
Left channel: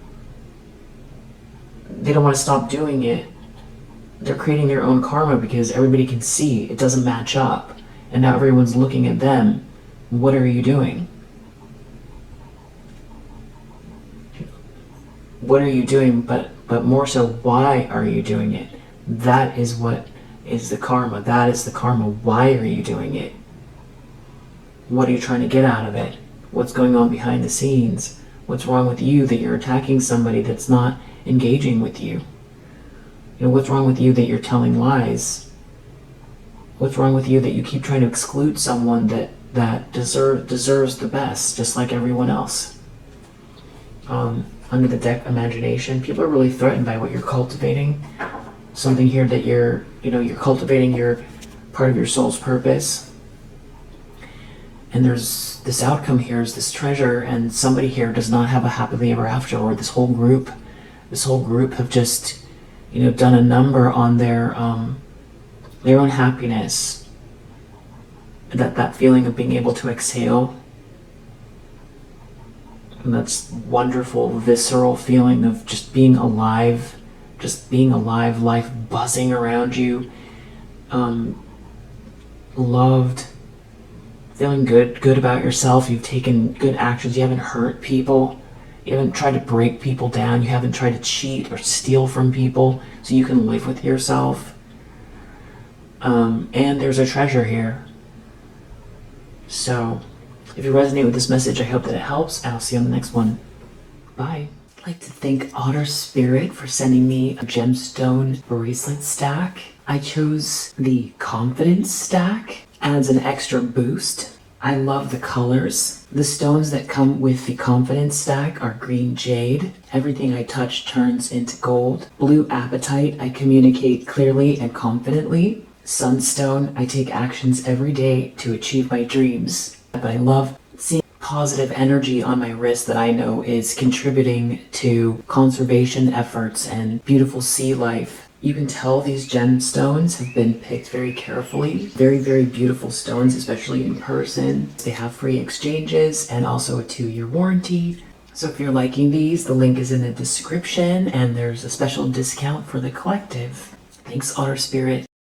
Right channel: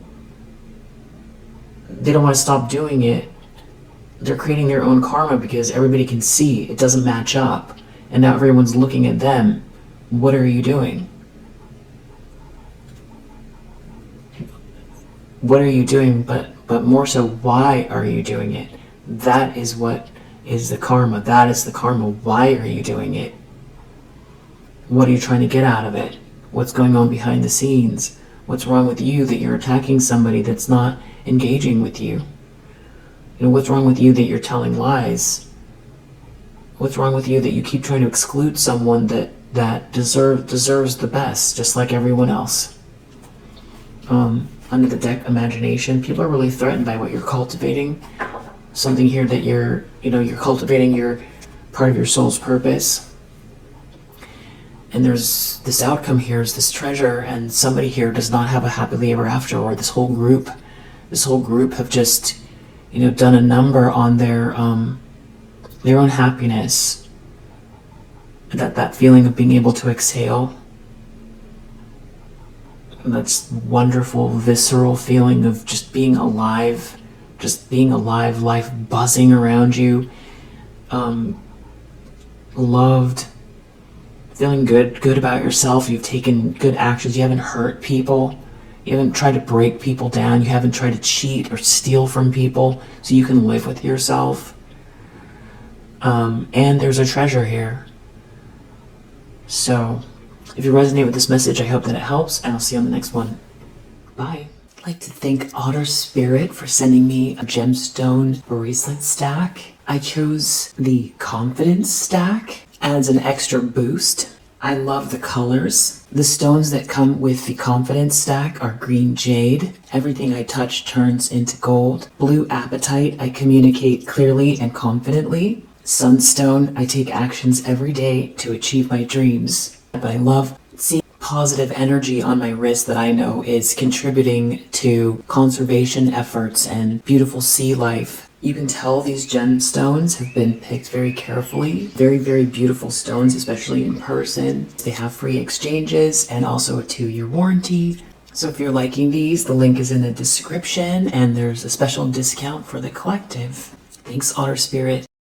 they don't want to stop doing it. They're creating their own karma because everybody can see it doesn't match up. And now everyone's looking at them. What are you doing? What are you doing? But more so, why are you doing it? That is what is the karma. That is the karma. Why are you doing it? What are you trying to get out of it? What's going on behind the scenes? What's wrong with you that you're attacking somebody that's not engaging with you? You know, what's wrong with you that you're telling lies? What's wrong with you that you keep trying to exclude someone that deserves the best, just like everyone else? Under the deck, imagination. People are really threatened by what you're cultivating. Something here that you're cultivating your part of your soul's purpose. And there's this outcome here is this treasure, and somebody here does not have a happily ever after, or this whole group have just, done a number on their own happiness. That feeling of being able to exhale. And that's wonderful, visceral feeling of just being alive, life buzzing around you, loved, feeling good about yourself. You've taken good actions. You haven't hurt people. You haven't tried to break people down. You haven't tried to cheat or steal from people so you can live with yourself. And there's a treasure here. So if you resonate with this message, I hope that it helps, and I'll see you on the next one. Bye. I'd like to thank Otter Spirit for sending me a gemstone bracelet stack. I chose the Confidence stack. Adds an extra boost. I love the colors. The stones that come with the Confidence stack are green jade. Everything I touch turns into gold. Blue apatite, I communicate clearly and confidently. Sunstone, I take actions every day to achieve my dreams. But I love seeing positive energy on my wrist that I know is contributing to conservation efforts and beautiful sea life. You can tell these gemstones have been picked very carefully. Very, very beautiful stones, especially in person. They have free exchanges and also a 2-year warranty. So if you're liking these, the link is in the description, and there's a special discount for the collective. Thanks, Otter Spirit.